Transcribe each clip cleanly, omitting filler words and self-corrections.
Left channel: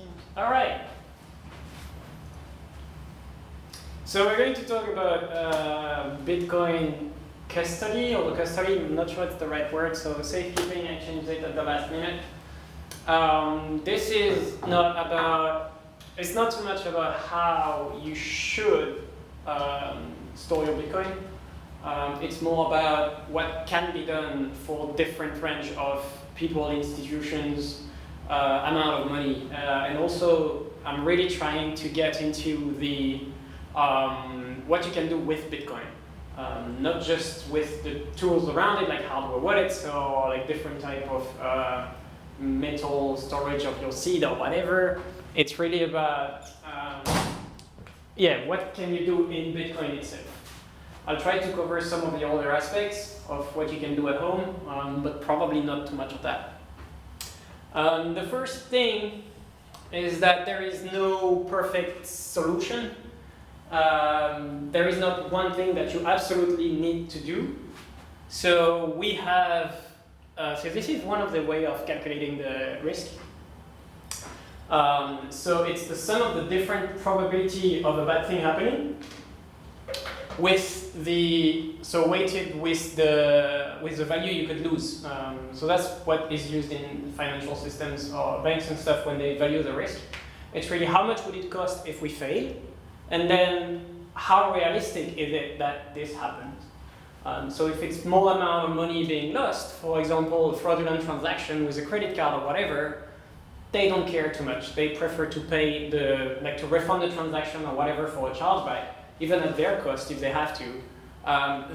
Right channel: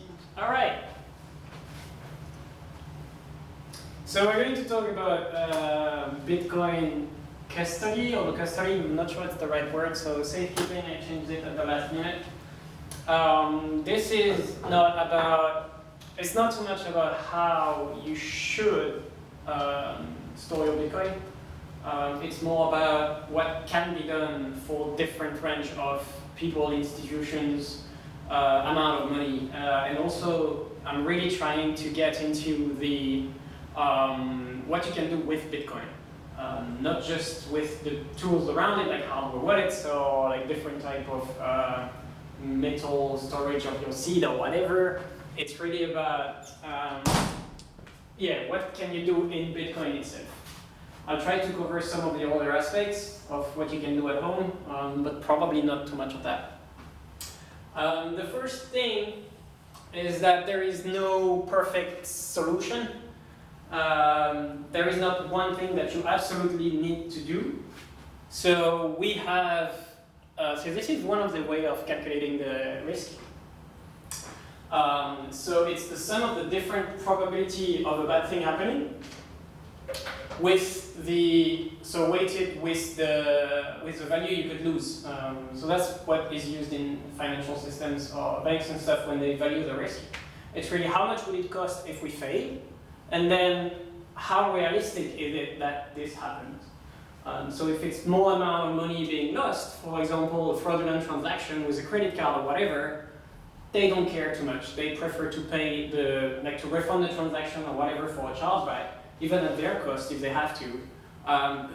seems. All right. So we're going to talk about Bitcoin custody, or custody, I'm not sure it's the right word, so safekeeping, I changed it at the last minute. This is not about, it's not too much about how you should store your Bitcoin. It's more about what can be done for different range of people, institutions, amount of money. And also, I'm really trying to get into the what you can do with Bitcoin. Not just with the tools around it, like hardware wallets or like different type of metal storage of your seed or whatever. It's really about, yeah, what can you do in Bitcoin itself. I'll try to cover some of the other aspects of what you can do at home, but probably not too much of that. The first thing is that there is no perfect solution. There is not one thing that you absolutely need to do. So we have, so this is one of the way of calculating the risk. So it's the sum of the different probability of a bad thing happening with the, so weighted with the value you could lose. So that's what is used in financial systems or banks and stuff when they value the risk. It's really how much would it cost if we fail, and then how realistic is it that this happens. So if it's more amount of money being lost, for example, a fraudulent transaction with a credit card or whatever, they don't care too much. They prefer to pay the, like to refund the transaction or whatever for a chargeback, even at their cost if they have to,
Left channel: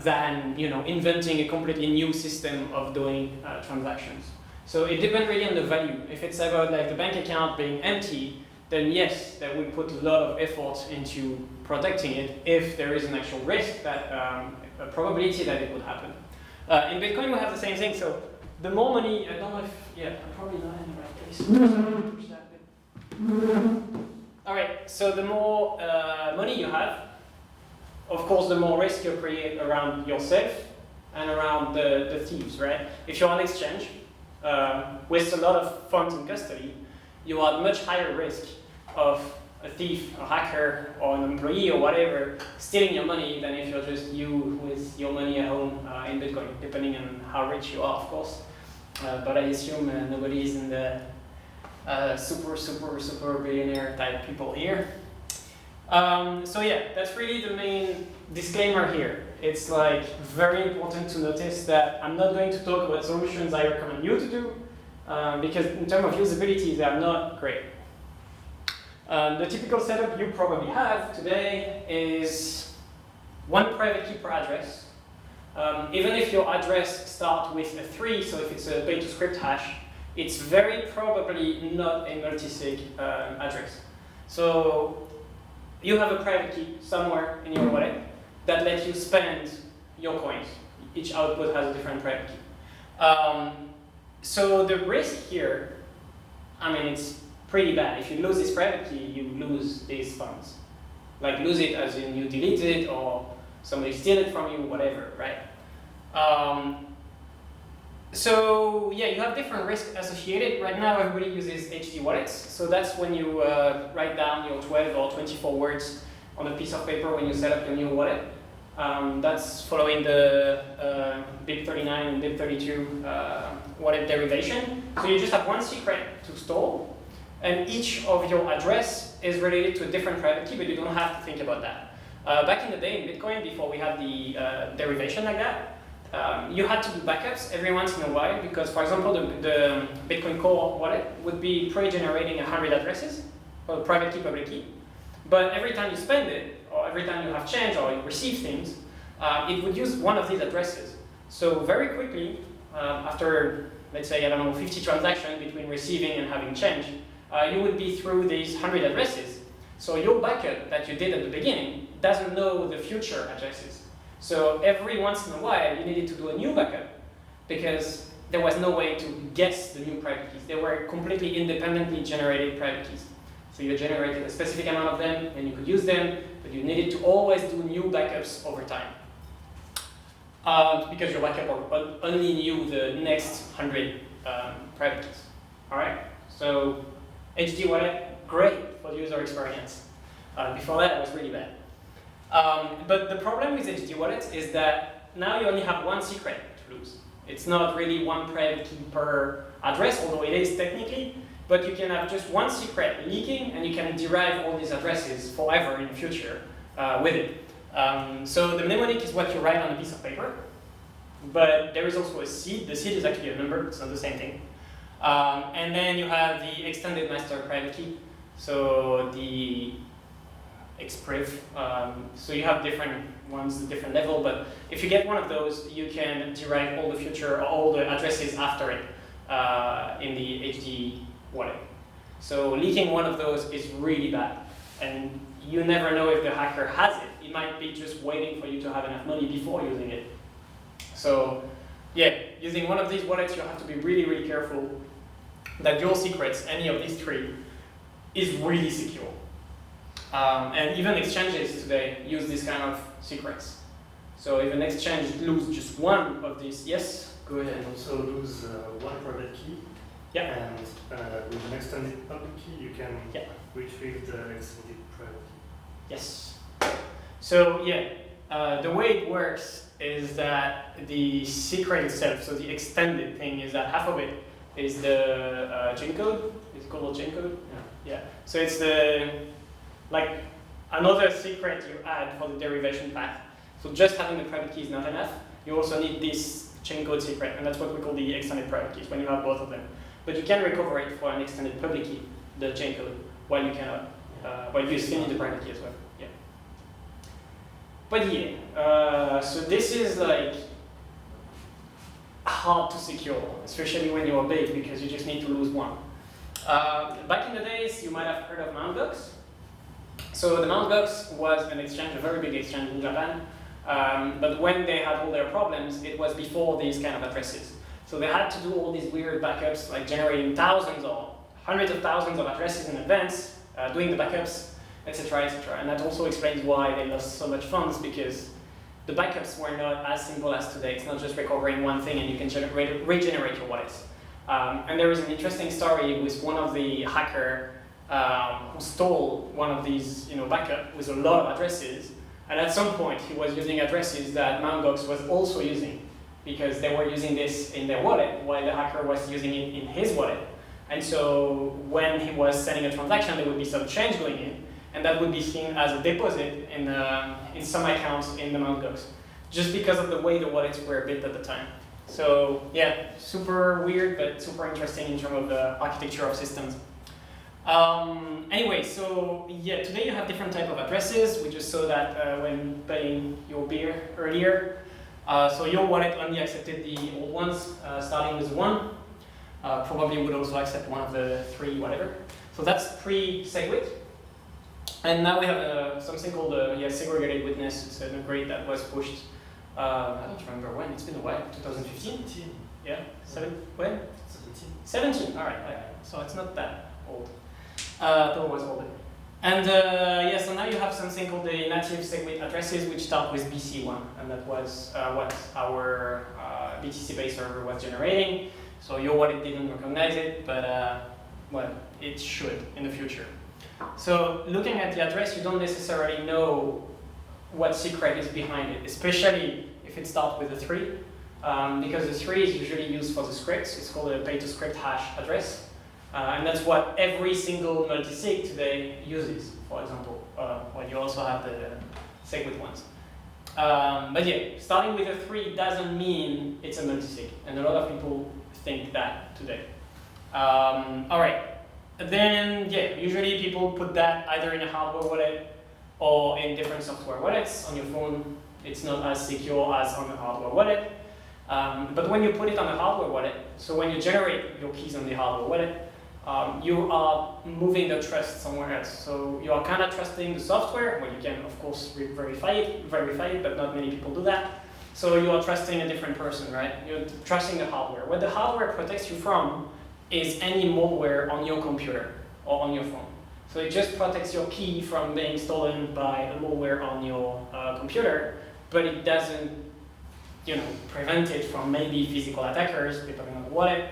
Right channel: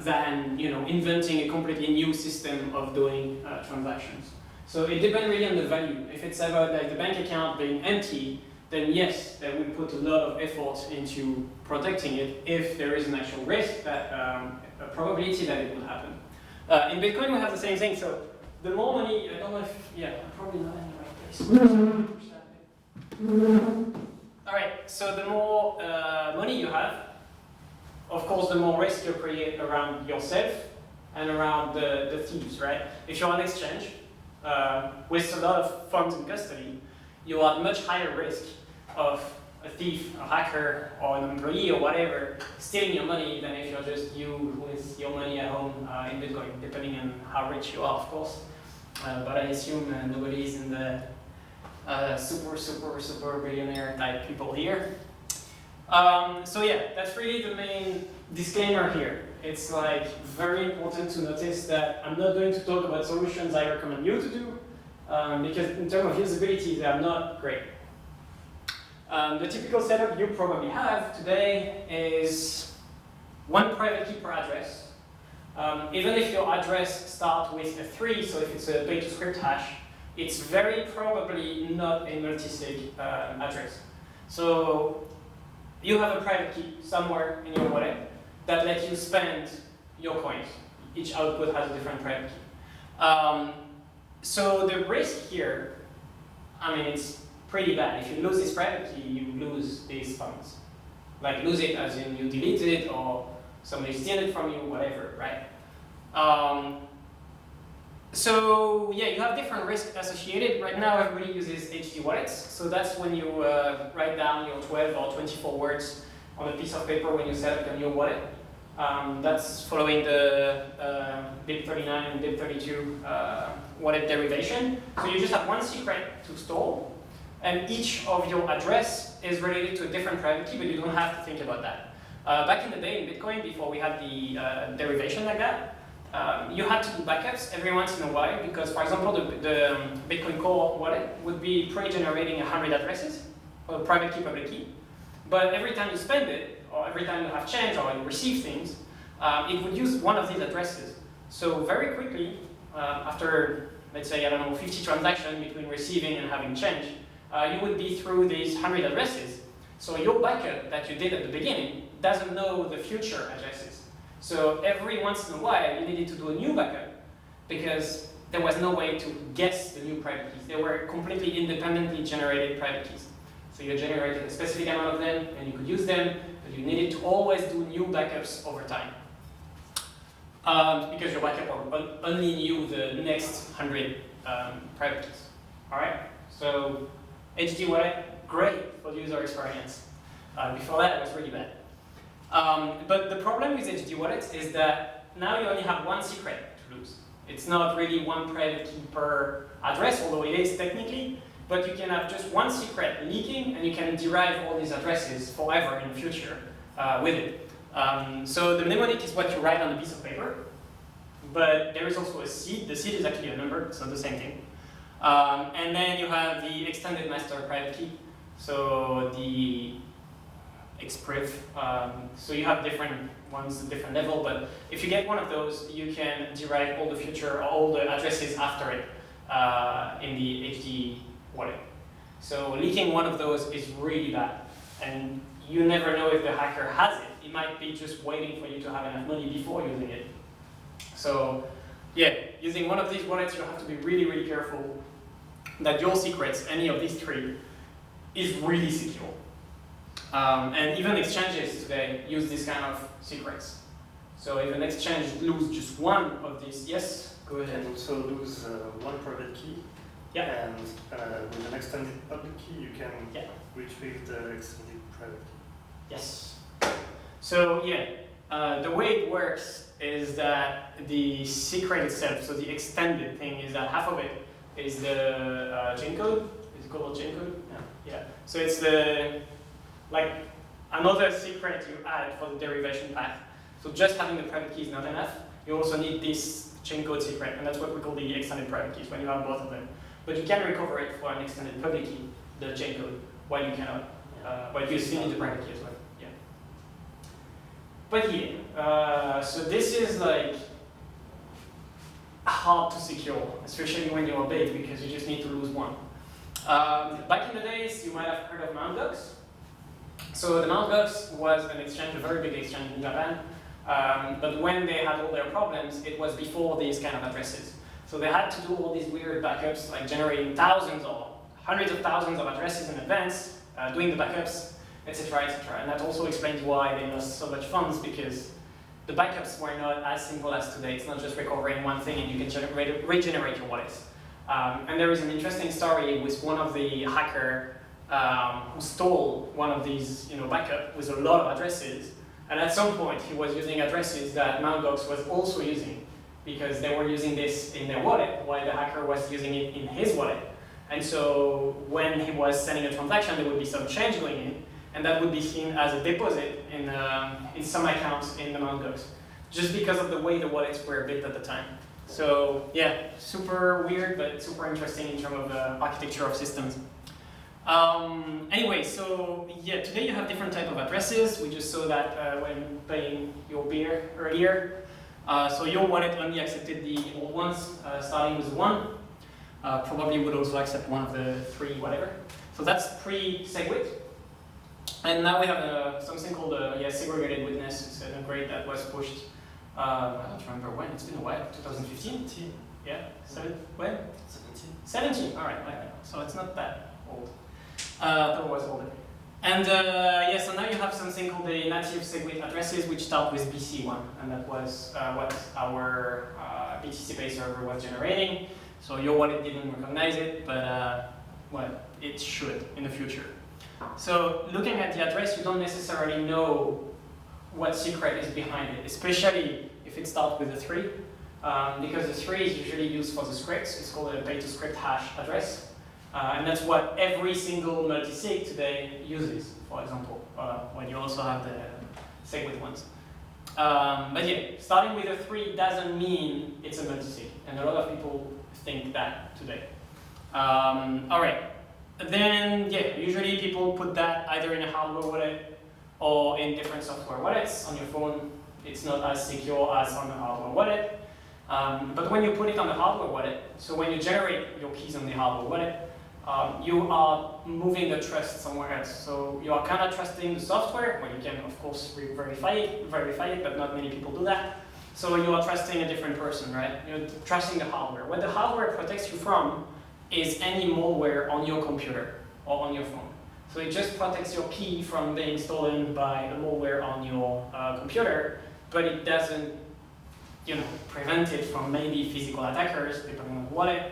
than inventing a completely new system of doing transactions. So it depends really on the value. If it's about like the bank account being empty, then yes, that would put a lot of effort into protecting it if there is an actual risk that a probability that it would happen. In Bitcoin, we have the same thing. So the more money, I don't know if, yeah, I'm probably not in the right place. Push that bit. All right, so the more money you have, of course, the more risk you create around yourself and around the thieves, right? If you're on exchange with a lot of funds in custody, you are at much higher risk of a thief, a hacker, or an employee or whatever stealing your money than if you're just you with your money at home in Bitcoin, depending on how rich you are, of course. But I assume nobody is in the super billionaire type people here. So yeah, that's really the main disclaimer here. It's like very important to notice that I'm not going to talk about solutions I recommend you to do, because in terms of usability, they are not great. The typical setup you probably have today is one private key per address. Even if your address starts with a 3, so if it's a bait-to-script hash, it's very probably not a multi-sig address. So you have a private key somewhere in your wallet that lets you spend your coins. Each output has a different private key. So the risk here, I mean, it's pretty bad. If you lose this private key, you lose these funds. Like lose it as in you delete it or somebody steal it from you, whatever, right? So yeah, you have different risks associated. Right now, everybody uses HD wallets. So that's when you write down your 12 or 24 words on a piece of paper when you set up your new wallet. That's following the BIP39 and BIP32 wallet derivation. So you just have one secret to store, and each of your address is related to a different private key, but you don't have to think about that. Back in the day in Bitcoin, before we had the derivation like that, you had to do backups every once in a while because, for example, the Bitcoin Core wallet would be pre-generating 100 addresses, or private key, public key. But every time you spend it, or every time you have change or you receive things, it would use one of these addresses. So very quickly, after, let's say, I don't know, 50 transactions between receiving and having change, you would be through these 100 addresses. So your backup that you did at the beginning doesn't know the future addresses. So every once in a while, you needed to do a new backup because there was no way to guess the new private keys. They were completely independently generated private keys. So you generated a specific amount of them and you could use them, but you needed to always do new backups over time. Because your backup only knew the next 100 private keys. All right? So HD wallet, great for the user experience. Before that, it was really bad. But the problem with HD wallets is that now you only have one secret to lose. It's not really one private key per address, although it is technically, but you can have just one secret leaking and you can derive all these addresses forever in the future with it. So the mnemonic is what you write on a piece of paper, but there is also a seed. The seed is actually a number, it's not the same thing. And then you have the extended master private key, so the expriv. So you have different ones, different level, but if you get one of those, you can derive all the future, all the addresses after it in the HD wallet. So leaking one of those is really bad, and you never know if the hacker has it. It might be just waiting for you to have enough money before using it. So yeah, using one of these wallets, you have to be really, really careful that your secrets, any of these three, is really secure. And even exchanges today use this kind of secrets. So if an exchange loses just one of these, yes, go ahead. And also lose one private key. Yeah. And with an extended public key, you can retrieve the extended private key. Yes. So yeah, the way it works is that the secret itself, so the extended thing, is that half of it is the chain code. Is it called chain code? Yeah. So it's the like another secret you add for the derivation path. So just having the private key is not enough. You also need this chain code secret, and that's what we call the extended private keys when you have both of them. But you can recover it for an extended public key, the chain code, while you cannot. While you still need the private key as well. Yeah. But yeah, so this is like hard to secure, especially when you're big, because you just need to lose one. Back in the days, you might have heard of Mt. Gox. So the Mt. Gox was an exchange, a very big exchange in Japan. But when they had all their problems, it was before these kind of addresses. So they had to do all these weird backups, like generating thousands or hundreds of thousands of addresses in advance, doing the backups, etc., etc. And that also explains why they lost so much funds, because the backups were not as simple as today. It's not just recovering one thing and you can regenerate your wallets. And there is an interesting story with one of the hacker who stole one of these backup with a lot of addresses. And at some point, he was using addresses that Mt. Gox was also using, because they were using this in their wallet while the hacker was using it in his wallet. And so when he was sending a transaction, there would be some change going in, and that would be seen as a deposit in some accounts in the Mt. Gox, just because of the way the wallets were built at the time. So yeah, super weird, but super interesting in terms of the architecture of systems. Anyway, so yeah, today you have different type of addresses. We just saw that when paying your beer earlier. So your wallet only accepted the old ones, starting with 1. Probably would also accept one of the 3, whatever. So that's pre-SegWit. And now we have something called segregated witness. It's an upgrade that was pushed, I don't remember when, it's been a while, 2015? 17. Yeah, when? 17, all right, so it's not that old. Thought it was older. And so now you have something called the native SegWit addresses, which start with BC1, and that was what our BTC-based server was generating. So your wallet didn't recognize it, but well, it should in the future. So looking at the address, you don't necessarily know what secret is behind it, especially if it starts with a 3, because the 3 is usually used for the scripts. It's called a pay-to-script hash address. And that's what every single multi-sig today uses, for example, when you also have the SegWit ones. But yeah, starting with a 3 doesn't mean it's a multi-sig, and a lot of people think that today. All right, then yeah, usually people put that either in a hardware wallet or in different software wallets on your phone. It's not as secure as on the hardware wallet. But when you put it on the hardware wallet, so when you generate your keys on the hardware wallet, you are moving the trust somewhere else. So you are kind of trusting the software. Well, you can, of course, verify it, but not many people do that. So you are trusting a different person, right? You're trusting the hardware. What the hardware protects you from is any malware on your computer or on your phone. So it just protects your key from being stolen by a malware on your computer, but it doesn't, prevent it from maybe physical attackers, depending on the wallet,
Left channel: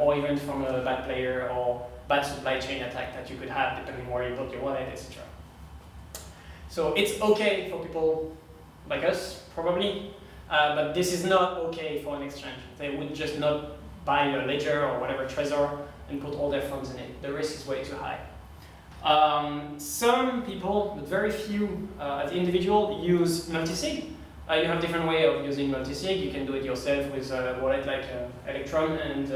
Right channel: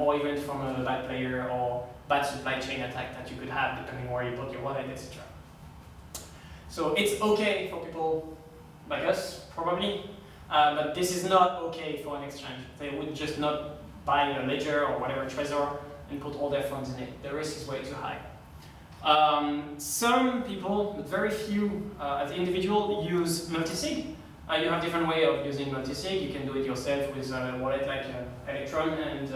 or even from a bad player or bad supply chain attack that you could have depending where you put your wallet, etc. So it's okay for people like us, probably, but this is not okay for an exchange. They would just not buy a ledger or whatever Trezor and put all their funds in it. The risk is way too high. Some people, but very few as individual, use multisig. You have different way of using multisig. You can do it yourself with a wallet like Electron and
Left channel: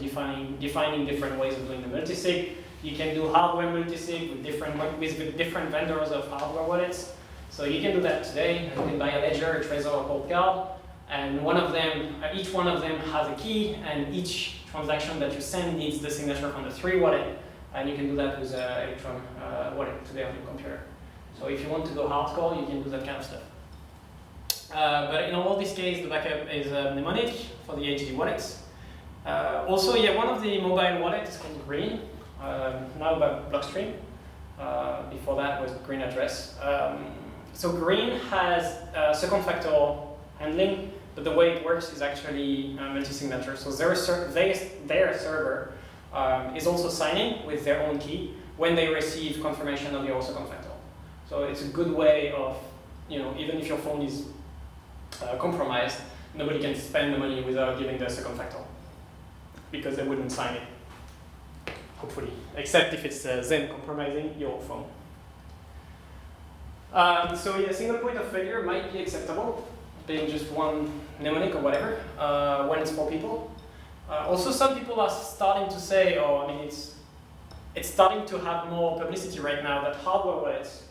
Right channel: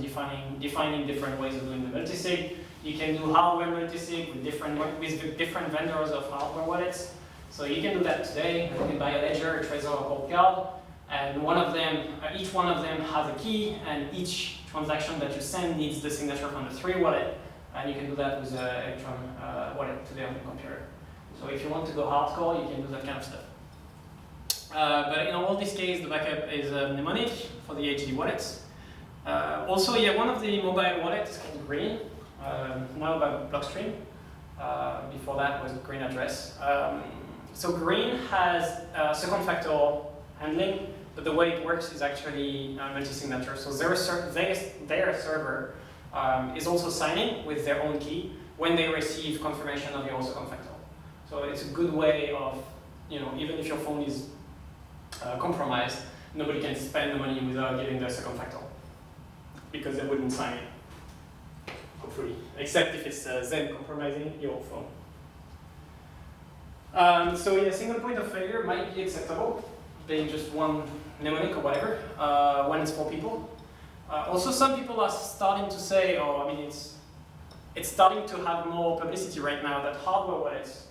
defining different ways of doing the multisig. You can do hardware multisig with different vendors of hardware wallets. So you can do that today. You can buy a ledger, a Trezor, a cold card, and each one of them has a key, and each transaction that you send needs the signature from the 3 wallet, and you can do that with an Electron wallet today on your computer. So if you want to go hardcore, you can do that kind of stuff. But in all this case, the backup is mnemonic for the HD wallets. Also, one of the mobile wallets is called Green, now by Blockstream. Before that was Green Address. So Green has second factor handling, but the way it works is actually multi-signature. So their server is also signing with their own key when they receive confirmation of your second factor. So it's a good way of, even if your phone is compromised, nobody can spend the money without giving the second factor, because they wouldn't sign it, hopefully, except if it's them compromising your phone. Single point of failure might be acceptable, being just one mnemonic or whatever, when it's 4 people. Also, some people are starting to say, it's starting to have more publicity right now that hardware wallets,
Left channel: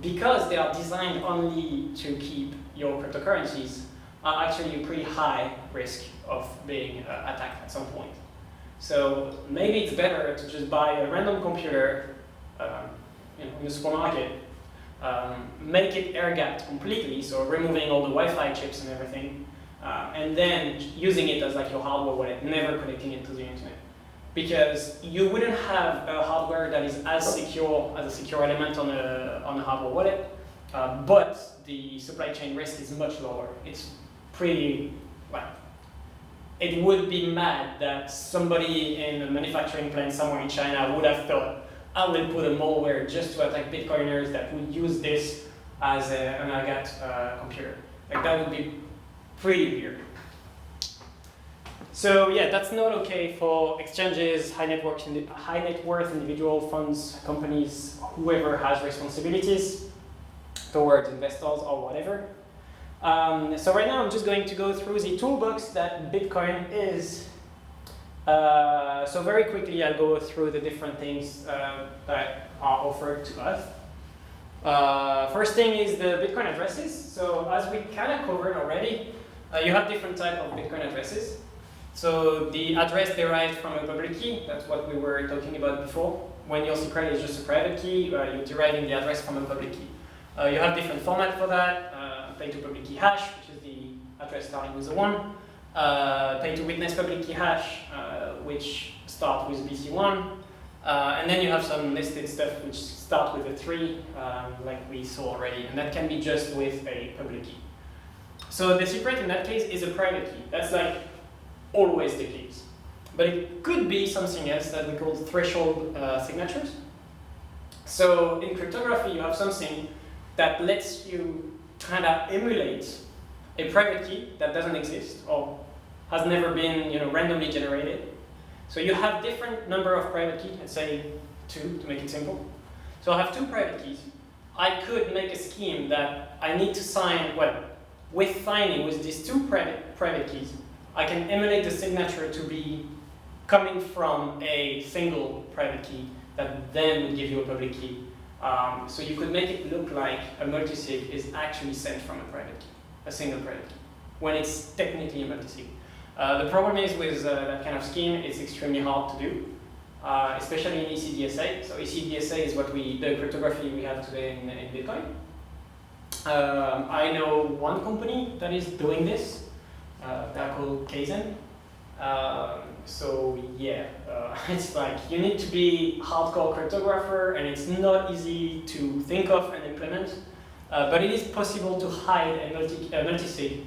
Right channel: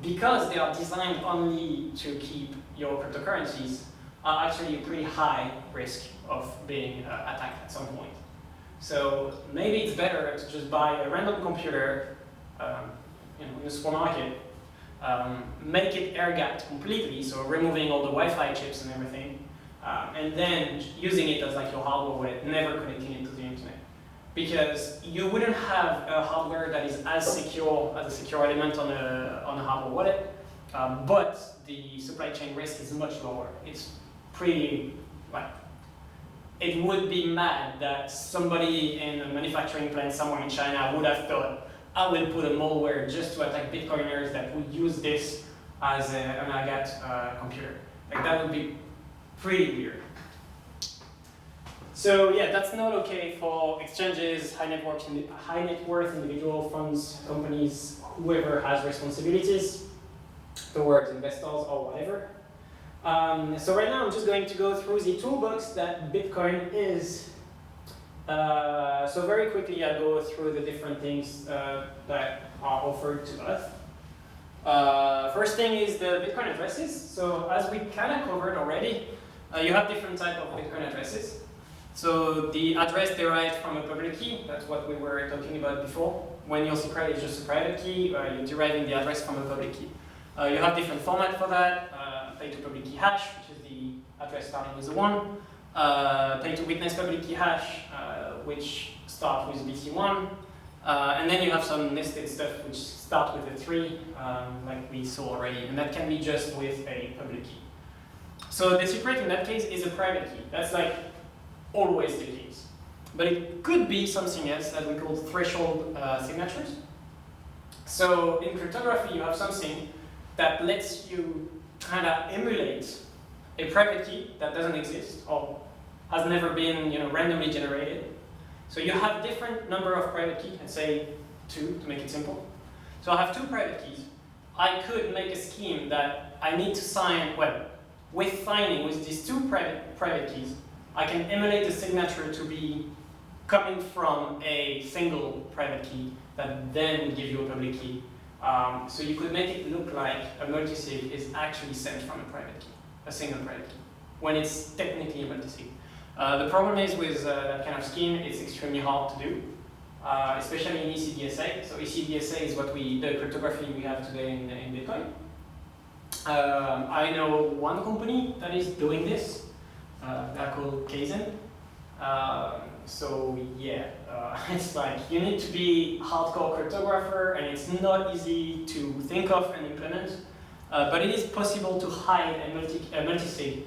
because they are designed only to keep your cryptocurrencies, are actually a pretty high risk of being attacked at some point. So maybe it's better to just buy a random computer in the supermarket, make it air-gapped completely, so removing all the Wi-Fi chips and everything, and then using it as like your hardware wallet, never connecting it to the internet. Because you wouldn't have a hardware that is as secure as a secure element on a hardware wallet, but the supply chain risk is much lower. It's pretty, it would be mad that somebody in a manufacturing plant somewhere in China would have thought, I will put a malware just to attack Bitcoiners that would use this as an agat computer. Like, that would be pretty weird. So that's not okay for exchanges, high net worth individual funds, companies, whoever has responsibilities towards investors or whatever. So right now I'm just going to go through the toolbox that Bitcoin is. So very quickly I'll go through the different things that are offered to us. First thing is the Bitcoin addresses. So as we kind of covered already, you have different types of Bitcoin addresses. So the address derived from a public key, that's what we were talking about before. When your secret is just a private key, you're deriving the address from a public key. You have different formats for that. Pay to public key hash, which is the address starting with a 1. Pay to witness public key hash, which start with BC1. And then you have some nested stuff which start with a 3, like we saw already. And that can be just with a public key. So the secret in that case is a private key. That's like always the case. But it could be something else that we call threshold signatures. So in cryptography, you have something that lets you kind of emulate a private key that doesn't exist or has never been randomly generated. So you have different number of private keys, let's say 2 to make it simple. So I have 2 private keys. I could make a scheme that I need to sign, with signing with these 2 private keys, I can emulate the signature to be coming from a single private key that then would give you a public key. So you could make it look like a multisig is actually sent from a private key, a single private key, when it's technically a multisig. The problem is with that kind of scheme, it's extremely hard to do, especially in ECDSA. So ECDSA is the cryptography we have today in Bitcoin. I know one company that is doing this. They're called Kaizen. It's like you need to be a hardcore cryptographer, and it's not easy to think of and implement. But it is possible to hide a multisig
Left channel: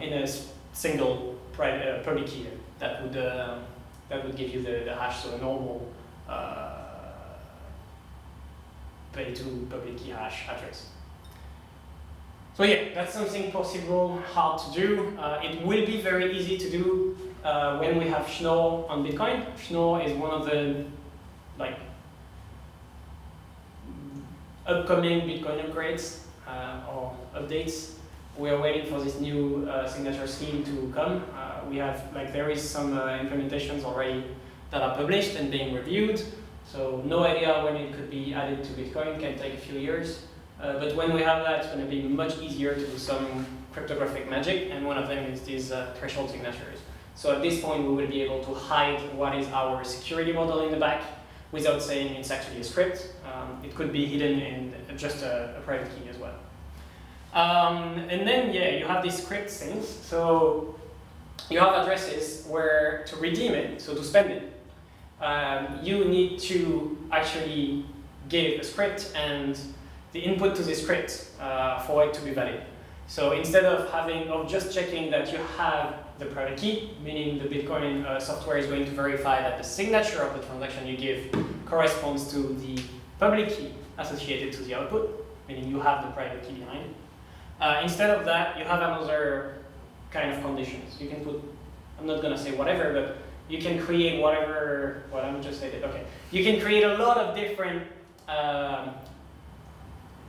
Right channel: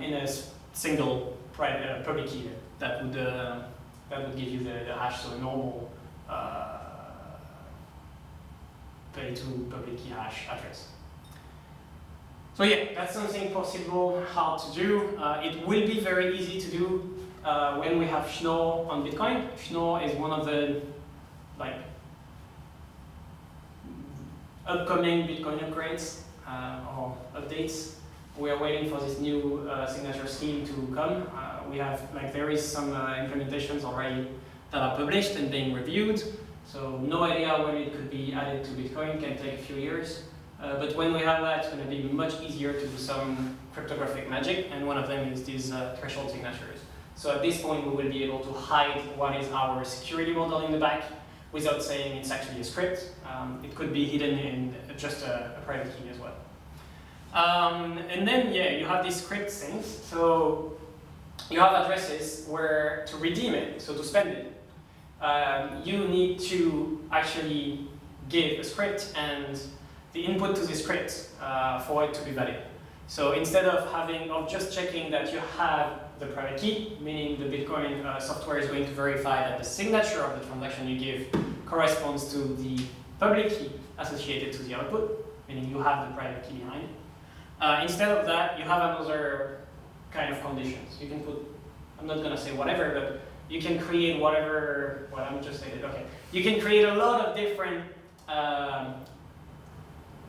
in a single public key that would That would give you the hash, so a normal pay to public key hash address. So yeah, that's something possible, hard to do. It will be very easy to do when we have Schnorr on Bitcoin. Schnorr is one of the upcoming Bitcoin upgrades or updates. We are waiting for this new signature scheme to come. There is some implementations already that are published and being reviewed. So no idea when it could be added to Bitcoin. It can take a few years. But when we have that, it's going to be much easier to do some cryptographic magic, and one of them is these threshold signatures. So at this point, we will be able to hide what is our security model in the back without saying it's actually a script. It could be hidden in just a private key as well. And then, yeah, you have these script things. So you have addresses where to redeem it, so to spend it, you need to actually give a script and the input to the script for it to be valid. So instead of just checking that you have the private key, meaning the Bitcoin software is going to verify that the signature of the transaction you give corresponds to the public key associated to the output, meaning you have the private key behind it. Instead of that, you have another kind of conditions. You can put, I'm not going to say whatever, but you can create whatever, well, I'm just stated, okay. You can create a lot of different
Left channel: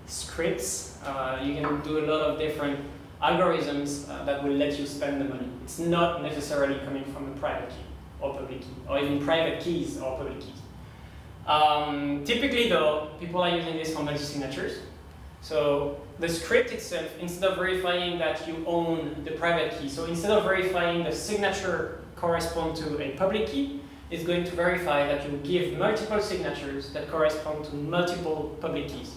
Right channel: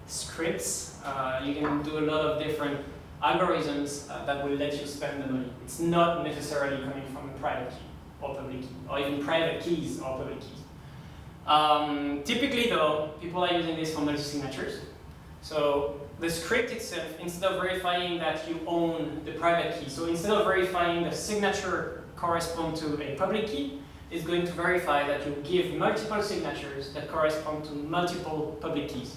scripts. You can do a lot of different algorithms that will let you spend the money. It's not necessarily coming from a private key or public key, or even private keys or public keys. Typically though, people are using this for multi-signatures. So the script itself, instead of verifying that you own the private key, so instead of verifying the signature correspond to a public key, it's going to verify that you give multiple signatures that correspond to multiple public keys.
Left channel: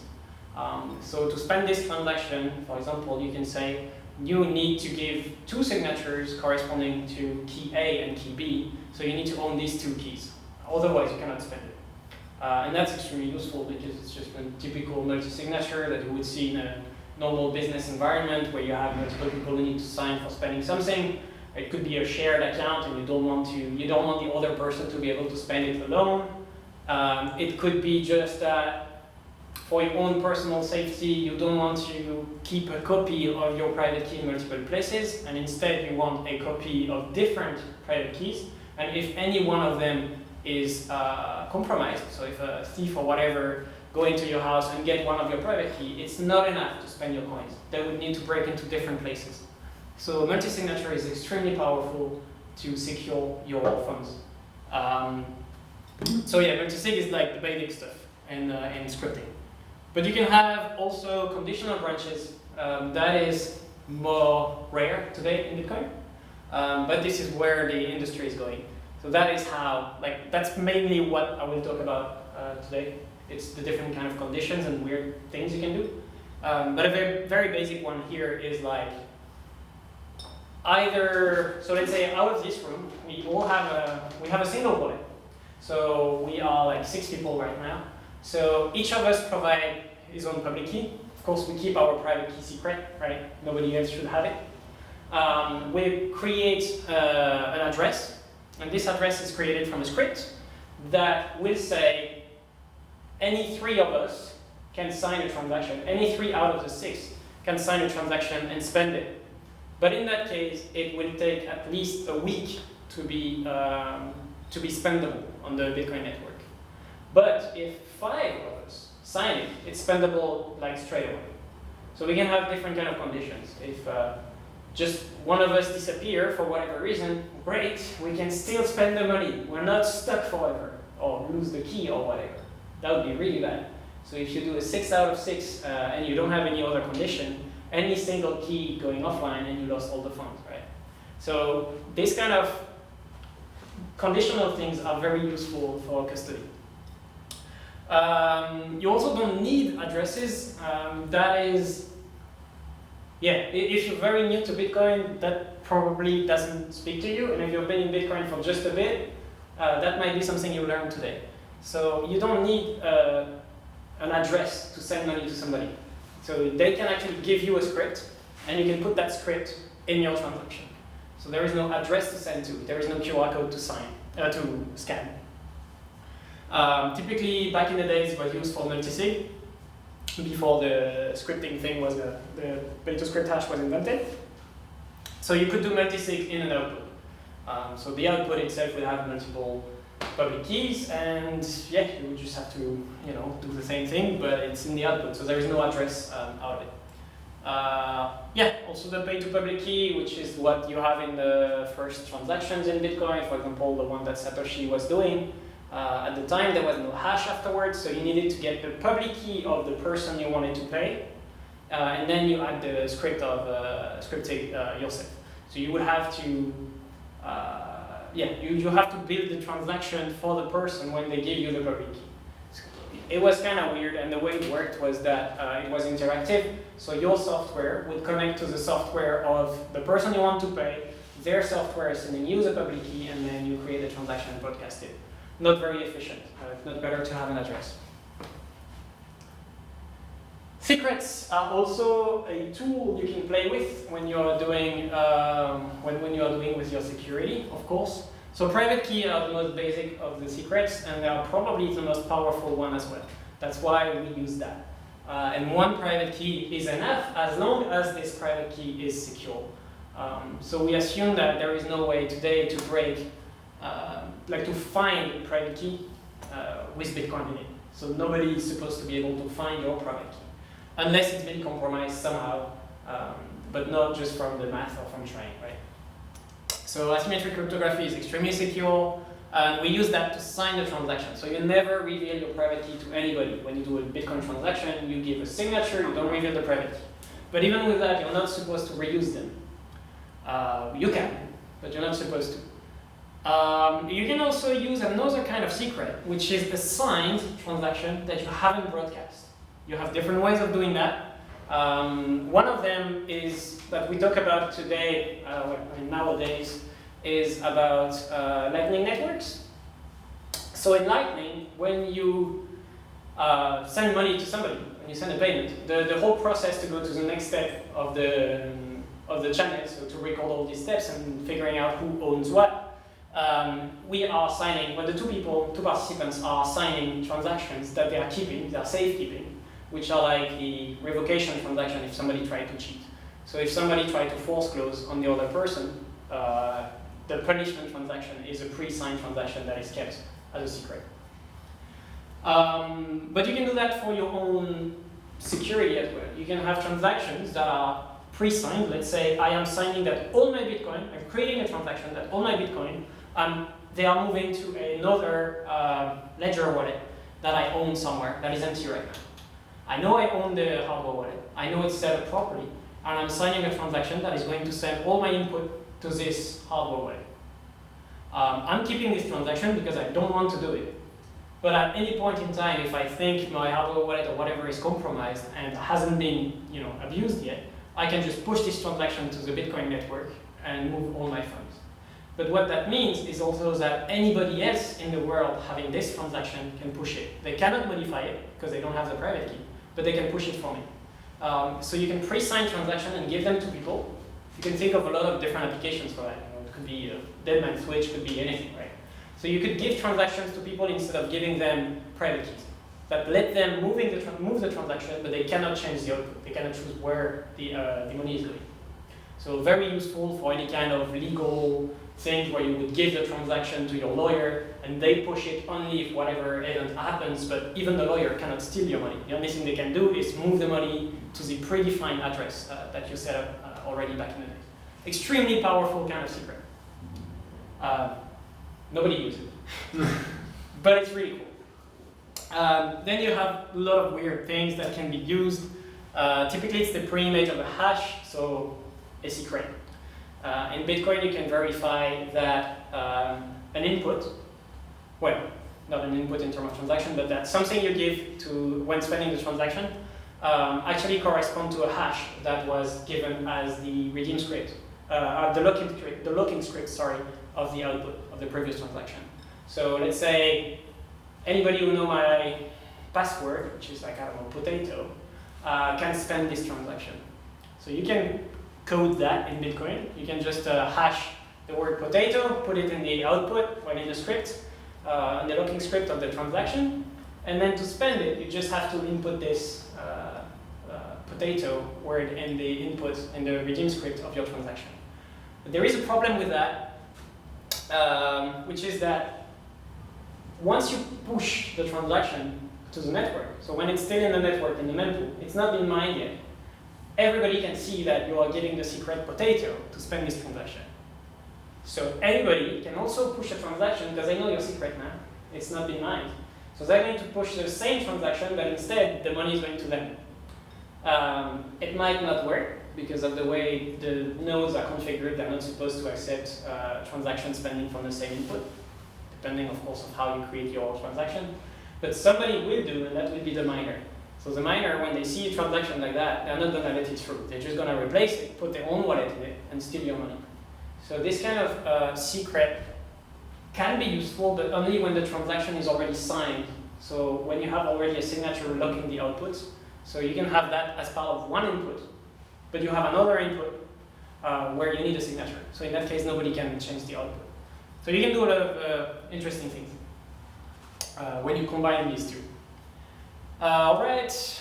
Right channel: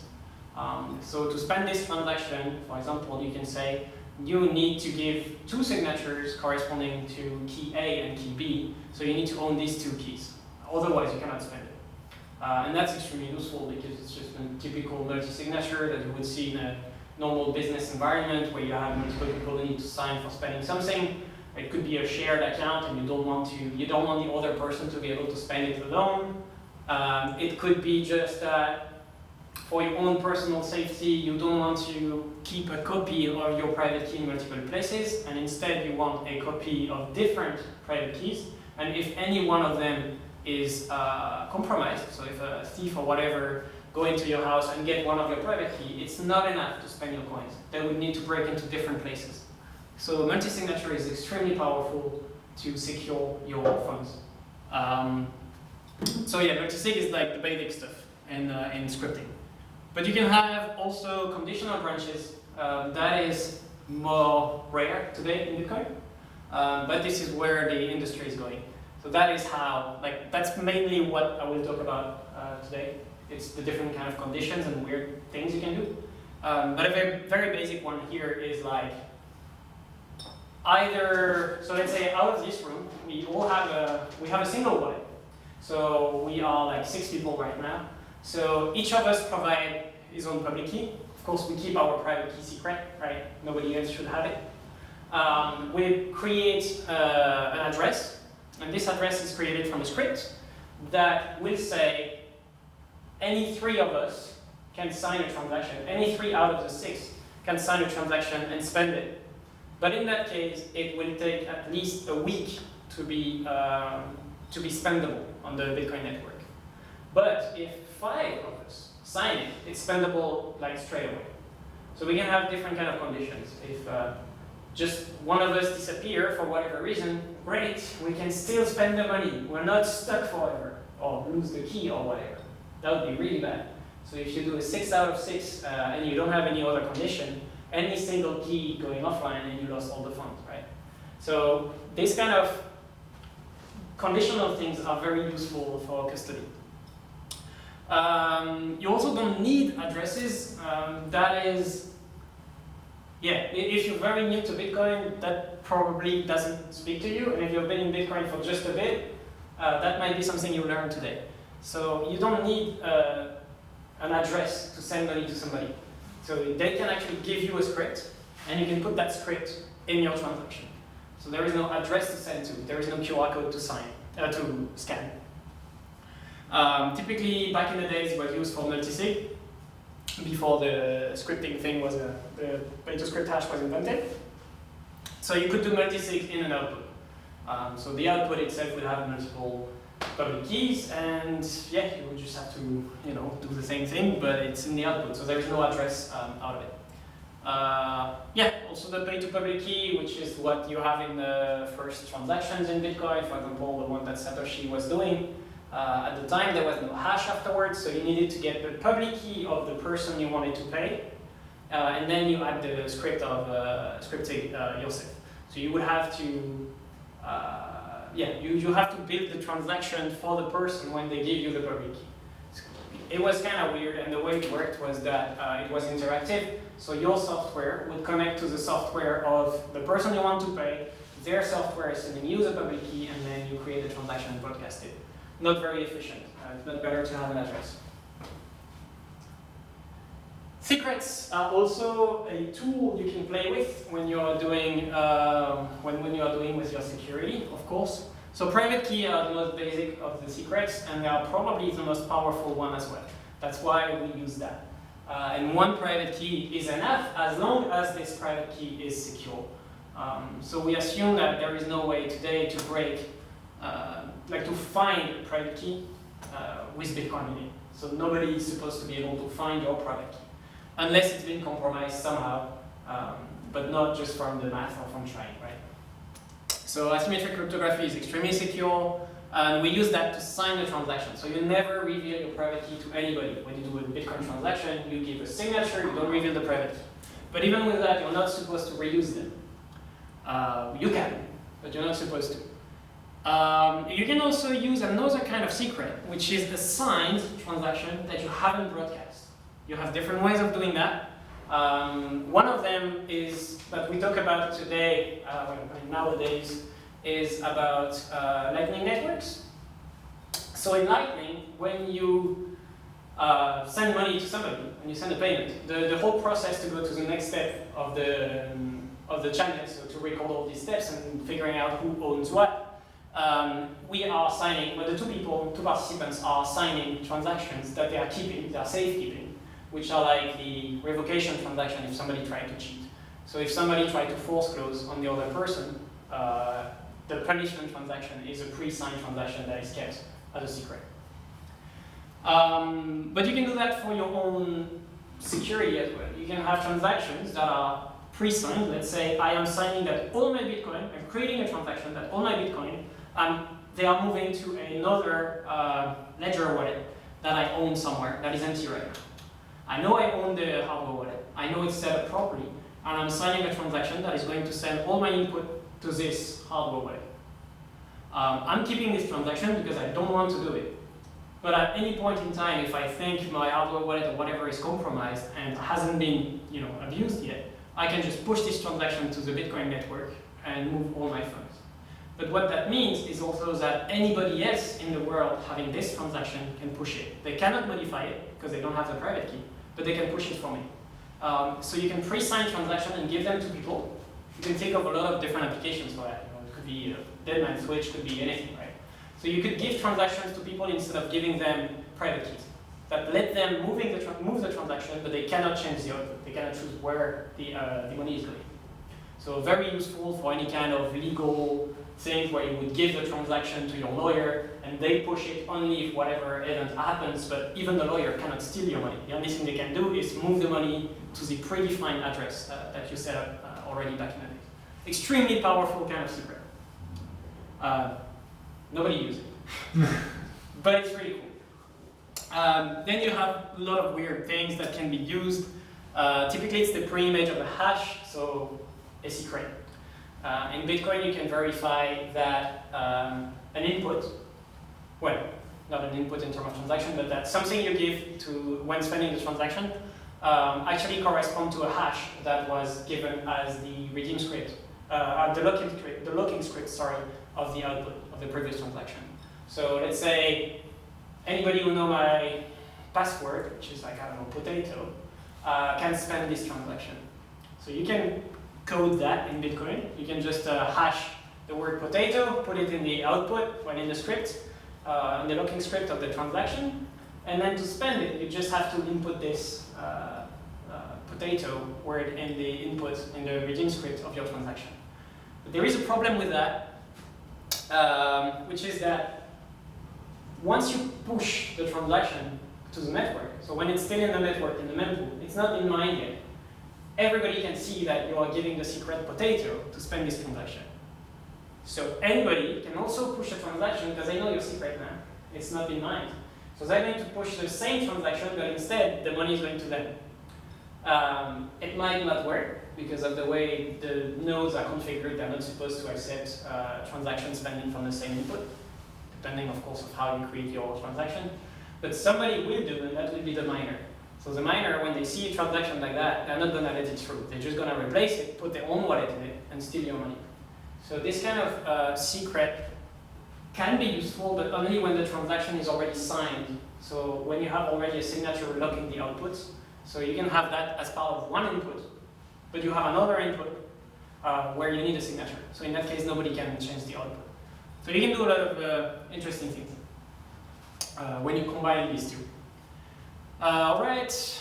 So to spend this transaction, for example, you can say you need to give 2 signatures corresponding to key A and key B, so you need to own these 2 keys. Otherwise, you cannot spend it. And that's extremely useful because it's just a typical multi-signature that you would see in a normal business environment where you have multiple people who need to sign for spending something. It could be a shared account, and you don't want the other person to be able to spend it alone. It could be just that for your own personal safety, you don't want to keep a copy of your private key in multiple places, and instead you want a copy of different private keys. And if any one of them is compromised, so if a thief or whatever go into your house and get one of your private key, it's not enough to spend your coins. They would need to break into different places. So multi-signature is extremely powerful to secure your funds. So yeah, multi-sig is like the basic stuff in scripting. But you can have also conditional branches. That is more rare today in Bitcoin. But this is where the industry is going. So that is how, that's mainly what I will talk about today. It's the different kind of conditions and weird things you can do. But a very, very basic one here is either, so let's say out of this room, we have a single wallet. So we are 6 people right now. So each of us provide his own public key. Of course, we keep our private key secret, right? Nobody else should have it. We create an address, and this address is created from a script that will say any 3 of us can sign a transaction. Any 3 out of the 6 can sign a transaction and spend it. But in that case, it will take at least a week to be spendable on the Bitcoin network. But if 5 of us sign it, it's spendable straight away. So we can have different kind of conditions. If just one of us disappear for whatever reason, great, we can still spend the money. We're not stuck forever, or lose the key or whatever. That would be really bad. So if you do a 6 out of 6 and you don't have any other condition, any single key going offline and you lost all the funds, right? So this kind of conditional things are very useful for custody. You also don't need addresses. That is, yeah, if you're very new to Bitcoin, that probably doesn't speak to you. And if you've been in Bitcoin for just a bit, that might be something you learn today. So you don't need an address to send money to somebody. So they can actually give you a script, and you can put that script in your transaction. So there is no address to send to. There is no QR code to sign. to scan. Typically, back in the days, it was used for multisig, before the scripting thing was, the pay-to-script hash was invented. So you could do multisig in and output. So the output itself would have multiple public keys, and yeah, you would just have to, do the same thing, but it's in the output, so there is no address out of it. Yeah, also the pay-to-public key, which is what you have in the first transactions in Bitcoin, for example, the one that Satoshi was doing. At the time, there was no hash afterwards, so you needed to get the public key of the person you wanted to pay, and then you add the script of scripting yourself. So you would have to, you have to build the transaction for the person when they give you the public key. It was kind of weird, and the way it worked was that it was interactive. So your software would connect to the software of the person you want to pay. Their software is sending you the public key, and then you create the transaction and broadcast it. Not very efficient. It's not better to have an address. Secrets are also a tool you can play with when you are doing when you are doing with your security, of course. So private key are the most basic of the secrets, and they are probably the most powerful one as well. That's why we use that. And one private key is enough as long as this private key is secure. So we assume that there is no way today to break, to find a private key with Bitcoin in it. So nobody is supposed to be able to find your private key, unless it's been compromised somehow, but not just from the math or from trying, right? So asymmetric cryptography is extremely secure, and we use that to sign the transaction. So you never reveal your private key to anybody. When you do a Bitcoin transaction, you give a signature, you don't reveal the private key. But even with that, you're not supposed to reuse them. You can, but you're not supposed to. You can also use another kind of secret, which is a signed transaction that you haven't broadcast. You have different ways of doing that. One of them is that we talk about today, nowadays, is about Lightning networks. So in Lightning, when you send money to somebody, when you send a payment, the whole process to go to the next step of the channel, so to record all these steps and figuring out who owns what, we are signing, when the two participants are signing transactions that they are keeping, they are safekeeping, which are like the revocation transaction if somebody tried to cheat. So if somebody tried to force close on the other person, the punishment transaction is a pre-signed transaction that is kept as a secret. But you can do that for your own security as well. You can have transactions that are pre-signed. Let's say I am signing that all my Bitcoin, I'm creating a transaction that all my Bitcoin, they are moving to another ledger wallet that I own somewhere that is empty right now. I know I own the hardware wallet. I know it's set up properly, and I'm signing a transaction that is going to send all my input to this hardware wallet. I'm keeping this transaction because I don't want to do it. But at any point in time, if I think my hardware wallet or whatever is compromised and hasn't been, abused yet, I can just push this transaction to the Bitcoin network and move all my funds. But what that means is also that anybody else in the world having this transaction can push it. They cannot modify it because they don't have the private key, but they can push it for me. So you can pre-sign transaction and give them to people. You can think of a lot of different applications for that. It could be a deadman switch, could be anything, right? So you could give transactions to people instead of giving them private keys. That let them move the transaction, but they cannot change the output. They cannot choose where the money is going. So very useful for any kind of legal thing where you would give the transaction to your lawyer and they push it only if whatever event happens, but even the lawyer cannot steal your money. The only thing they can do is move the money to the predefined address that you set up already back in the day. Extremely powerful kind of secret. Nobody uses it, but it's really cool. Then you have a lot of weird things that can be used. Typically it's the pre-image of a hash, so a secret. In Bitcoin, you can verify that an input, well, not an input in terms of transaction, but that something you give to when spending the transaction actually corresponds to a hash that was given as the redeem script, the locking script, of the output of the previous transaction. So let's say anybody who knows my password, which is like, I don't know, potato, can spend this transaction. So you can code that in Bitcoin. You can just hash the word potato, put it in the output, or in the script, in the locking script of the transaction, and then to spend it, you just have to input this potato word in the input in the redeem script of your transaction. But there is a problem with that, which is that once you push the transaction to the network, so when it's still in the network, in the mempool, it's not been mined yet, everybody can see that you are giving the secret potato to spend this transaction. So anybody can also push a transaction because they know your secret now. It's not been mined. So they're going to push the same transaction, but instead the money is going to them. It might not work because of the way the nodes are configured. They're not supposed to accept transaction spending from the same input, depending, of course, of how you create your transaction. But somebody will do, and that will be the miner. So the miner, when they see a transaction like that, they're not going to let it through. They're just going to replace it, put their own wallet in it, and steal your money. So this kind of secret can be useful, but only when the transaction is already signed. So when you have already a signature locking the outputs, so you can have that as part of one input, but you have another input where you need a signature. So in that case, nobody can change the output. So you can do a lot of interesting things when you combine these two. All right.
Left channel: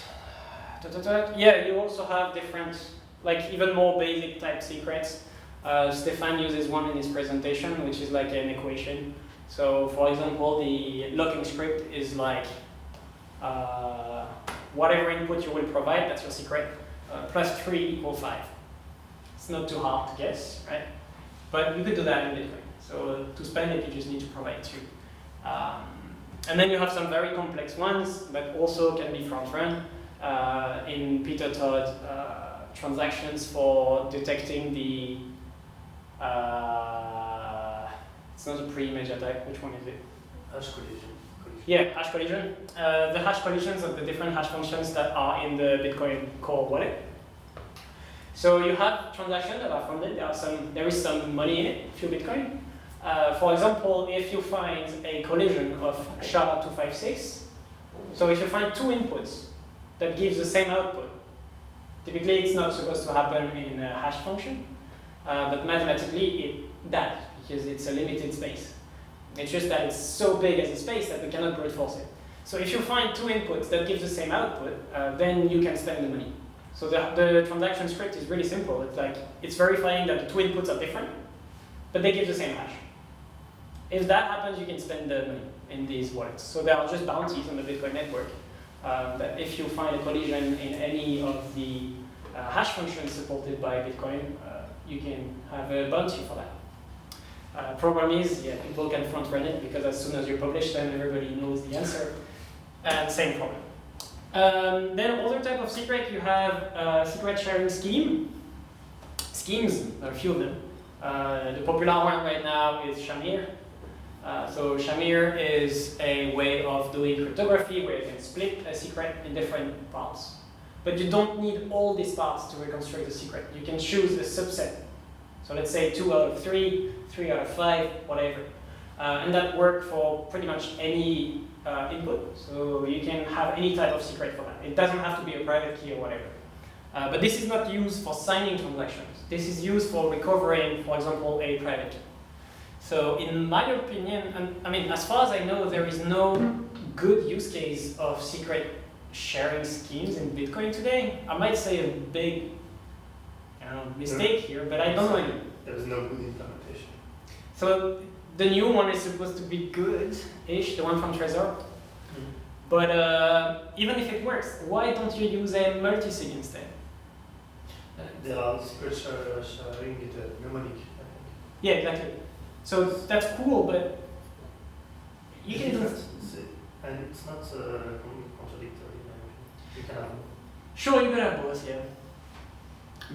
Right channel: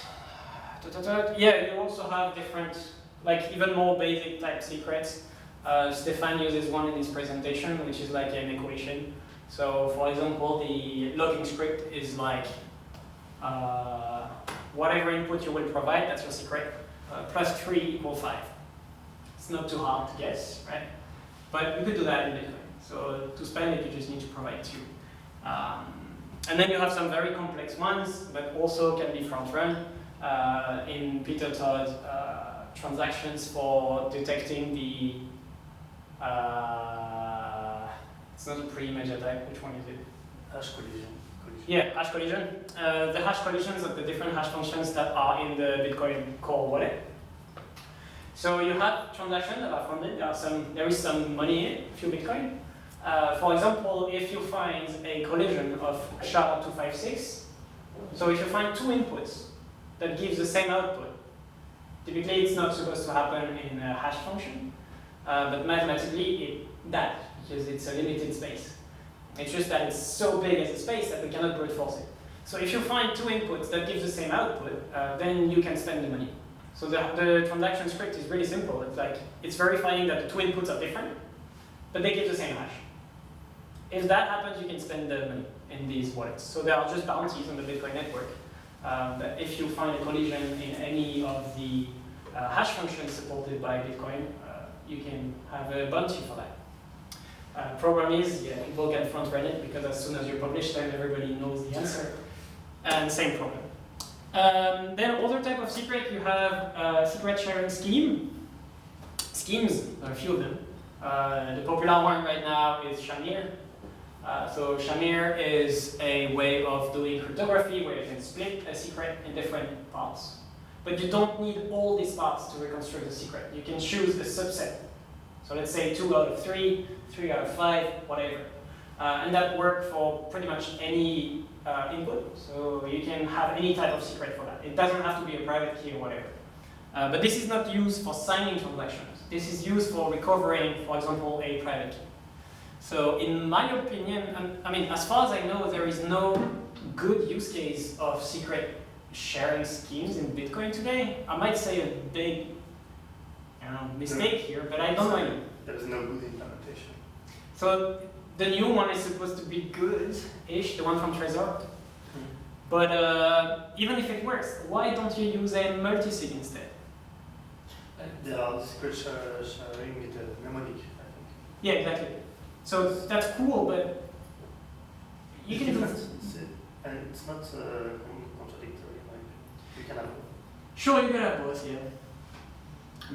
Yeah, you also have different, like even more basic type secrets. Stefan uses one in his presentation, which is like an equation. So for example, the locking script is like whatever input you will provide, that's your secret, plus 3 equals 5. It's not too hard to guess, right? But you could do that in Bitcoin. So to spend it, you just need to provide 2. And then you have some very complex ones that also can be front-run. In Peter Todd, transactions for detecting the it's not a pre-image attack. Which one is it? Hash collision. Yeah, hash collision. The hash collisions of the different hash functions that are in the Bitcoin core wallet. So you have transactions that are funded. There is some money in it, a few Bitcoin. For example, if you find a collision of SHA-256, so if you find 2 inputs that gives the same output, typically it's not supposed to happen in a hash function, but mathematically it does, because it's a limited space. It's just that it's so big as a space that we cannot brute force it. So if you find 2 inputs that give the same output, then you can spend the money. So the transaction script is really simple. It's like, it's verifying that the 2 inputs are different, but they give the same hash. If that happens, you can spend the money in these wallets. So there are just bounties on the Bitcoin network. That if you find a collision in any of the hash functions supported by Bitcoin, you can have a bounty for that. Problem is, yeah, people can front run it because as soon as you publish them, everybody knows the answer. And same problem. Then other type of secret, you have secret sharing schemes. There are a few of them. The popular one right now is Shamir. So Shamir is a way of doing cryptography where you can split a secret in different parts. But you don't need all these parts to reconstruct the secret. You can choose a subset. So let's say 2 out of 3, 3 out of 5, whatever. And that works for pretty much any input. So you can have any type of secret for that. It doesn't have to be a private key or whatever. But this is not used for signing transactions. This is used for recovering, for example, a private key. So in my opinion, I mean, as far as I know, there is no good use case of secret sharing schemes in Bitcoin today. I might say a big mistake here, but I don't know. There's no good implementation. So the new one is supposed to be good-ish, the one from Trezor. But even if it works, why don't you use a multisig instead? There are secret sharing with a mnemonic, I think. Yeah, exactly. So that's cool, but you can do. And it's not contradictory. You can have. Sure, you could have both, yeah.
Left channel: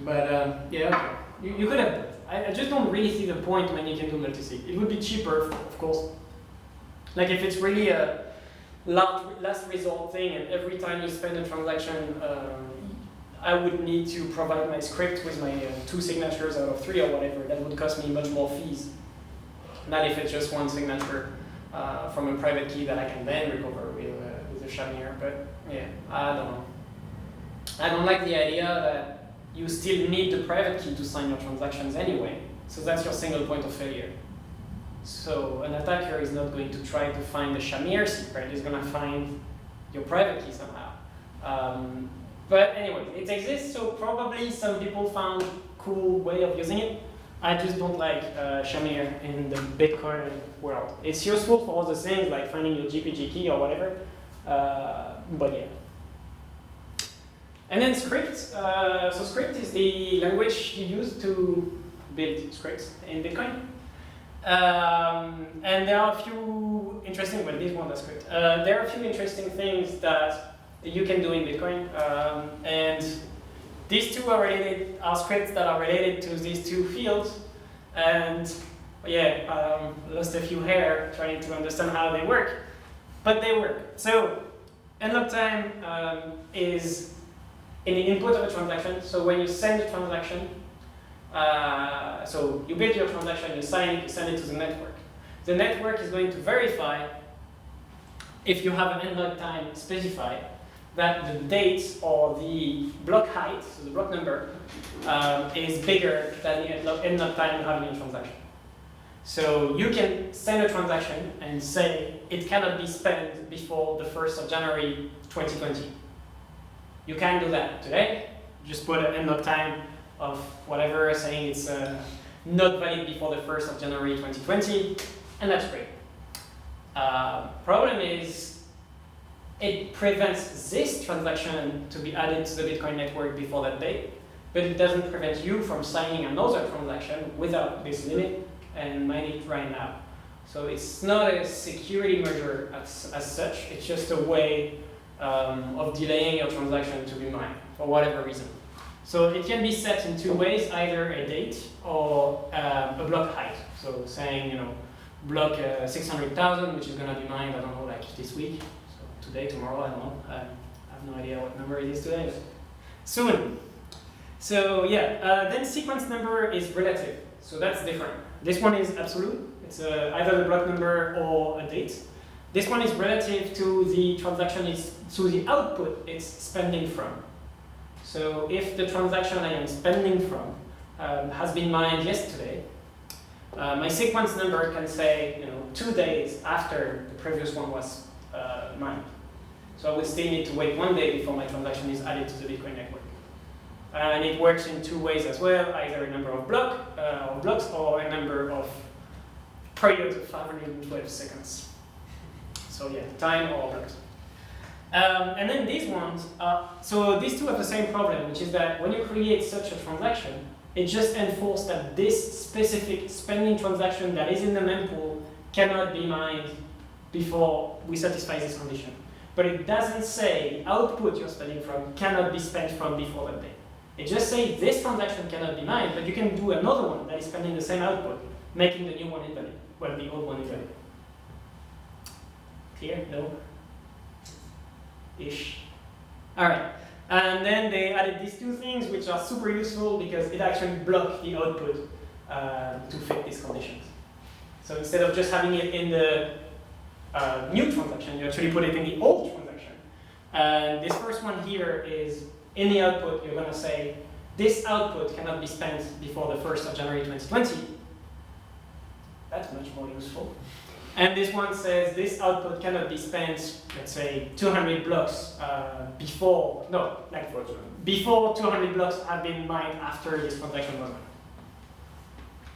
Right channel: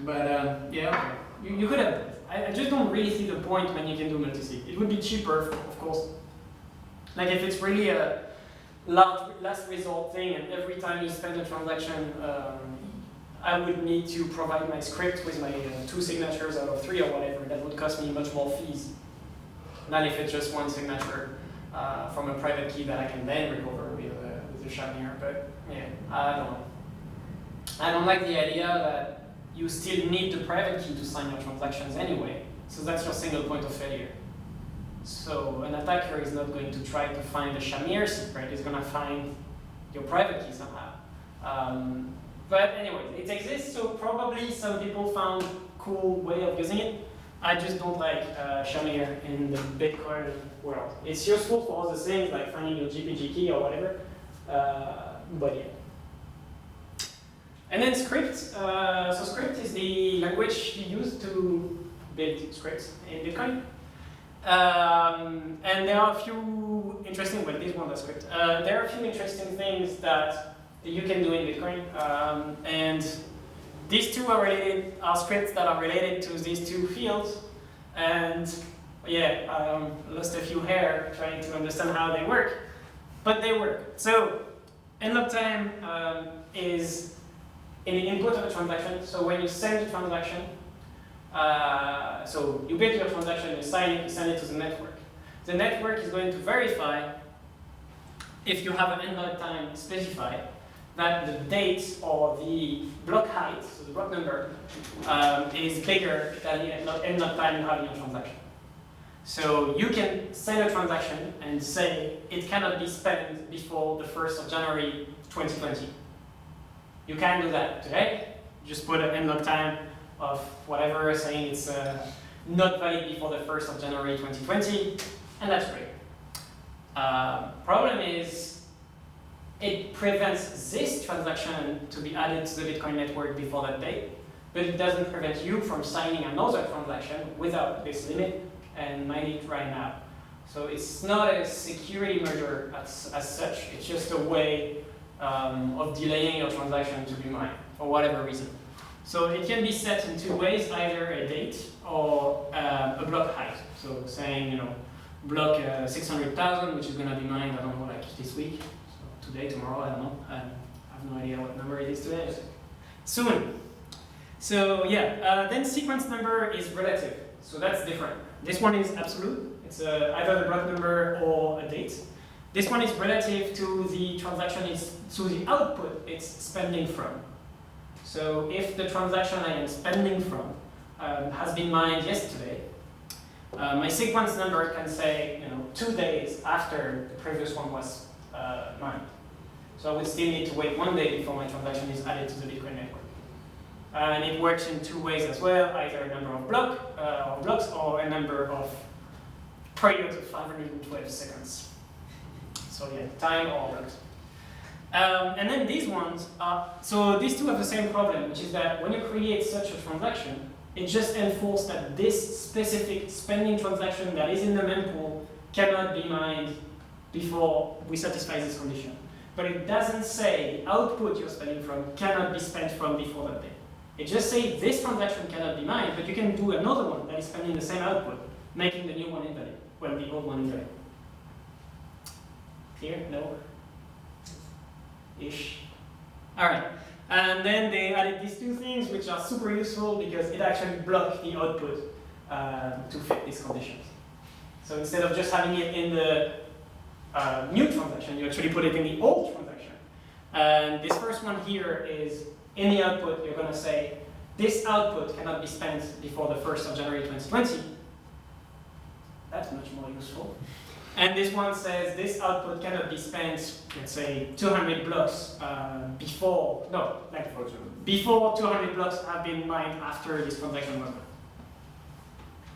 But yeah, okay. You could have both. I just don't really see the point when you can do multisig. It would be cheaper, of course. Like if it's really a last resort thing, and every time you spend a transaction, I would need to provide my script with my 2 signatures out of 3 or whatever. That would cost me much more fees. Not if it's just 1 signature from a private key that I can then recover with a Shamir. But yeah, I don't know. I don't like the idea that you still need the private key to sign your transactions anyway. So that's your single point of failure. So an attacker is not going to try to find the Shamir secret, he's going to find your private key somehow. But anyway, it exists, so probably some people found a cool way of using it. I just don't like Shamir in the Bitcoin world. It's useful for all the things like finding your GPG key or whatever, but yeah. And then script. So script is the language you use to build scripts in Bitcoin. And there are a few interesting, well, this one is script. There are a few interesting things that you can do in Bitcoin. And these two are scripts that are related to these two fields. And yeah, lost a few hair trying to understand how they work, but they work. So unlock time is in the input of a transaction. So when you send a transaction, so you build your transaction, you sign it, you send it to the network. The network is going to verify if you have an unlock time specified that the date or the block height, so the block number, is bigger than the unlock time you have in your transaction. So you can send a transaction and say it cannot be spent before the 1st of January 2020. You can do that today. Just put an unlock time of whatever, saying it's not valid before the 1st of January 2020, and that's great. Problem is, it prevents this transaction to be added to the Bitcoin network before that date, but it doesn't prevent you from signing another transaction without this limit and mine it right now. So it's not a security measure as such, it's just a way of delaying your transaction to be mined for whatever reason. So it can be set in two ways, either a date or a block height. So saying, you know, block 600,000, which is going to be mined, I don't know, like this week. Today, tomorrow, I don't know. I have no idea what number it is today. Soon. So yeah, then sequence number is relative. So that's different. This one is absolute. It's either the block number or a date. This one is relative to the transaction, to the output it's spending from. So if the transaction I am spending from has been mined yesterday, my sequence number can say, you know, 2 days after the previous one was mined. So I would still need to wait 1 day before my transaction is added to the Bitcoin network. And it works in two ways as well, either a number of blocks or a number of periods of 512 seconds. So yeah, time or blocks. And then these ones, so these two have the same problem, which is that when you create such a transaction, it just enforces that this specific spending transaction that is in the mempool cannot be mined before we satisfy this condition. But it doesn't say the output you're spending from cannot be spent from before that date. It just says this transaction cannot be mined, but you can do another one that is spending the same output, making the new one invalid, well, the old one invalid. Clear? No? Ish. All right. And then they added these two things, which are super useful because it actually blocks the output to fit these conditions. So instead of just having it in the new transaction, you actually put it in the old transaction. And this first one here is in the output, you're going to say, this output cannot be spent before the 1st of January 2020. That's much more useful. And this one says, this output cannot be spent, let's say, 200 blocks before 200 blocks have been mined after this transaction was mined.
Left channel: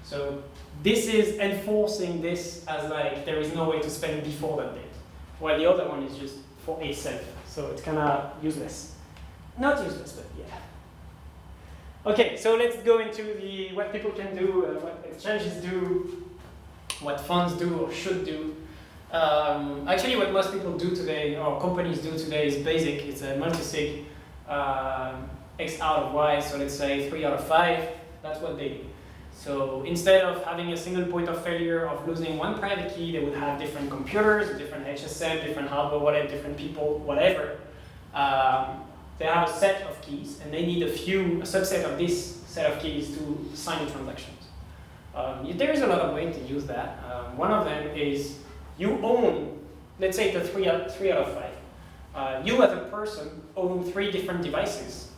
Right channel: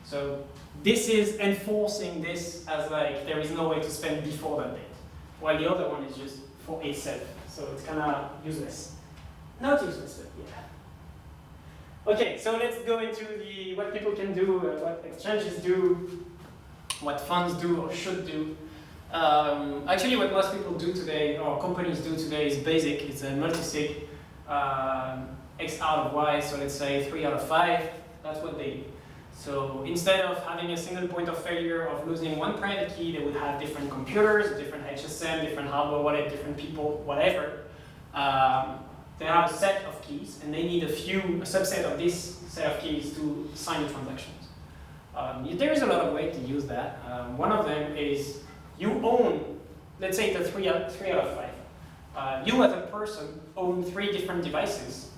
So this is enforcing this as like, there is no way to spend before that date. While the other one is just for itself. So it's kind of useless. Not useless, but yeah. Okay, so let's go into what people can do, what exchanges do, what funds do or should do. Actually, what most people do today, or companies do today, is basic. It's a multi-sig X out of Y, so let's say 3 out of 5. That's what they do. So instead of having a single point of failure of losing one private key, they would have different computers, different HSM, different hardware wallet, different people, whatever. They have a set of keys, and they need a subset of this set of keys to sign transactions. There is a lot of ways to use that. One of them is you own, let's say it's a 3 out of 5. You as a person own 3 different devices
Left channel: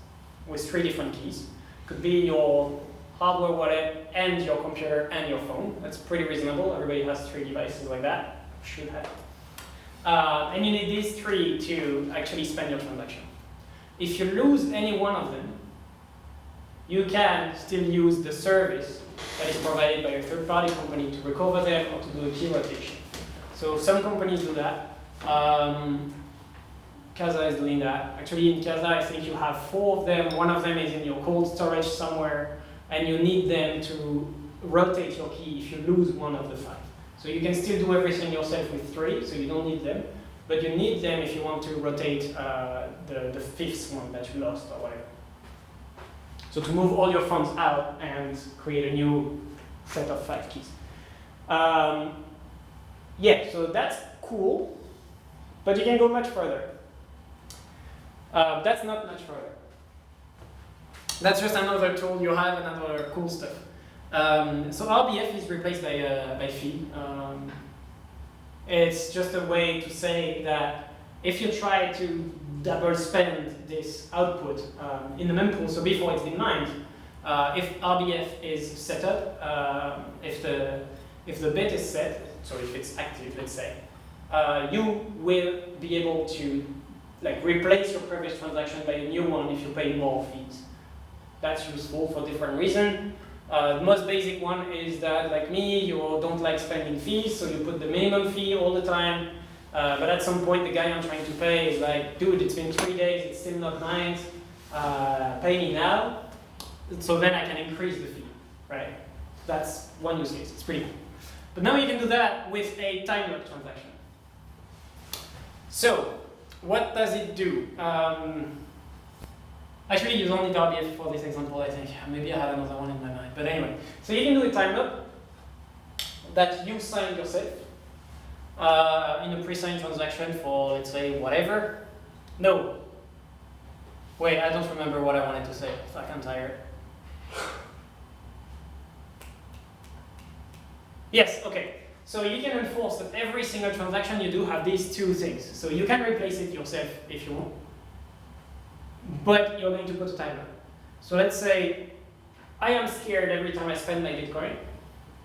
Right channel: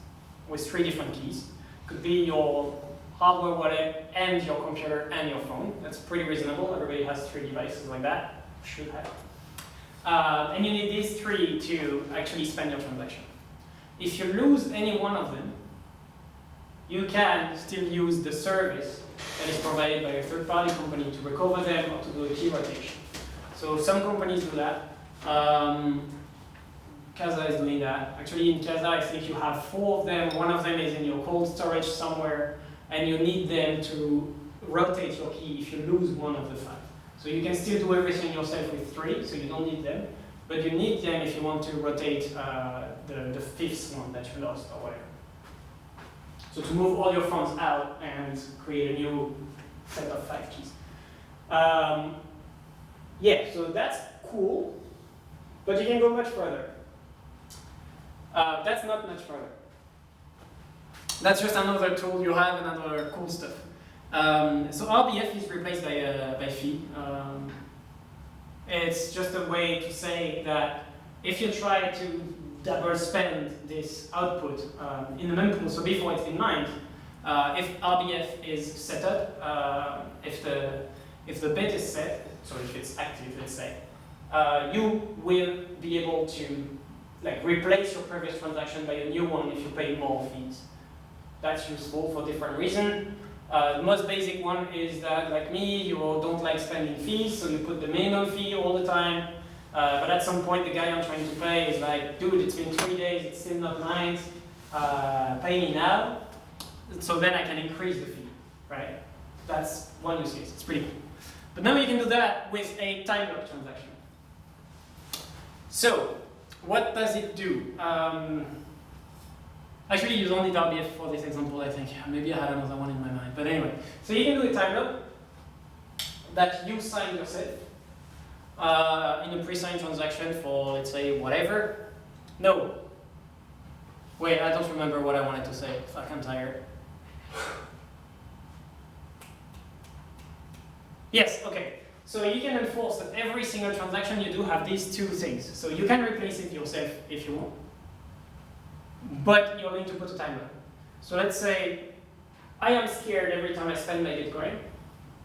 with 3 different keys. Could be your hardware wallet, and your computer and your phone. That's pretty reasonable. Everybody has 3 devices like that. Should have. And you need these 3 to actually spend your transaction. If you lose any one of them, you can still use the service that is provided by a third-party company to recover them or to do a key rotation. So some companies do that. Casa is doing that. Actually, in Casa, I think you have 4 of them. One of them is in your cold storage somewhere, and you need them to rotate your key if you lose one of the 5. So you can still do everything yourself with 3, so you don't need them. But you need them if you want to rotate the 5th one that you lost or whatever. So to move all your funds out and create a new set of 5 keys. Yeah, so that's cool, but you can go much further. That's not much further. That's just another tool you have, another cool stuff. So RBF is replaced by fee. It's just a way to say that if you try to double spend this output in the mempool, so before it's been mined, if RBF is set up, if the bit is set, so if it's active, let's say, you will be able to replace your previous transaction by a new one if you pay more fees. That's useful for different reasons. The most basic one is that, like me, you don't like spending fees, so you put the minimum fee all the time. But at some point, the guy I'm trying to pay is like, dude, it's been 3 days, it's still not mined, pay me now. So then I can increase the fee, right? That's one use case, it's pretty cool. But now you can do that with a time lock transaction. So, what does it do? Actually, you don't need RBF for this example, I think. Maybe I had another one in my mind. But anyway, so you can do a time lock that you sign yourself in a pre-signed transaction for, let's say, whatever. No. Wait, I don't remember what I wanted to say. Fuck, I'm tired. Yes, okay. So you can enforce that every single transaction you do have these 2 things. So you can replace it yourself if you want, but you're going to put a timer. So let's say I am scared every time I spend my Bitcoin,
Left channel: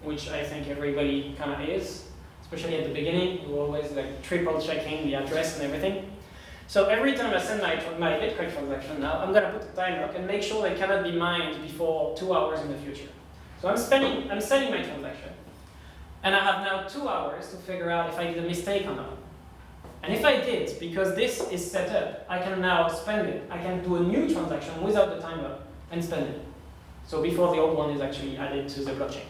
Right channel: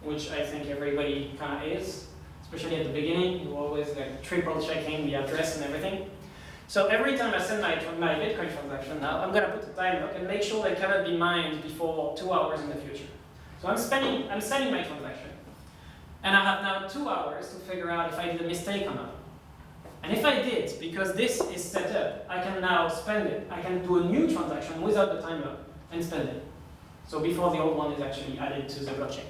which I think everybody kind of is, especially at the beginning. You're always triple checking the address and everything. So every time I send my Bitcoin transaction now, I'm going to put a time lock and make sure it cannot be mined before 2 hours in the future. So I'm sending my transaction. And I have now 2 hours to figure out if I did a mistake or not. And if I did, because this is set up, I can now spend it. I can do a new transaction without the timer and spend it. So before the old one is actually added to the blockchain.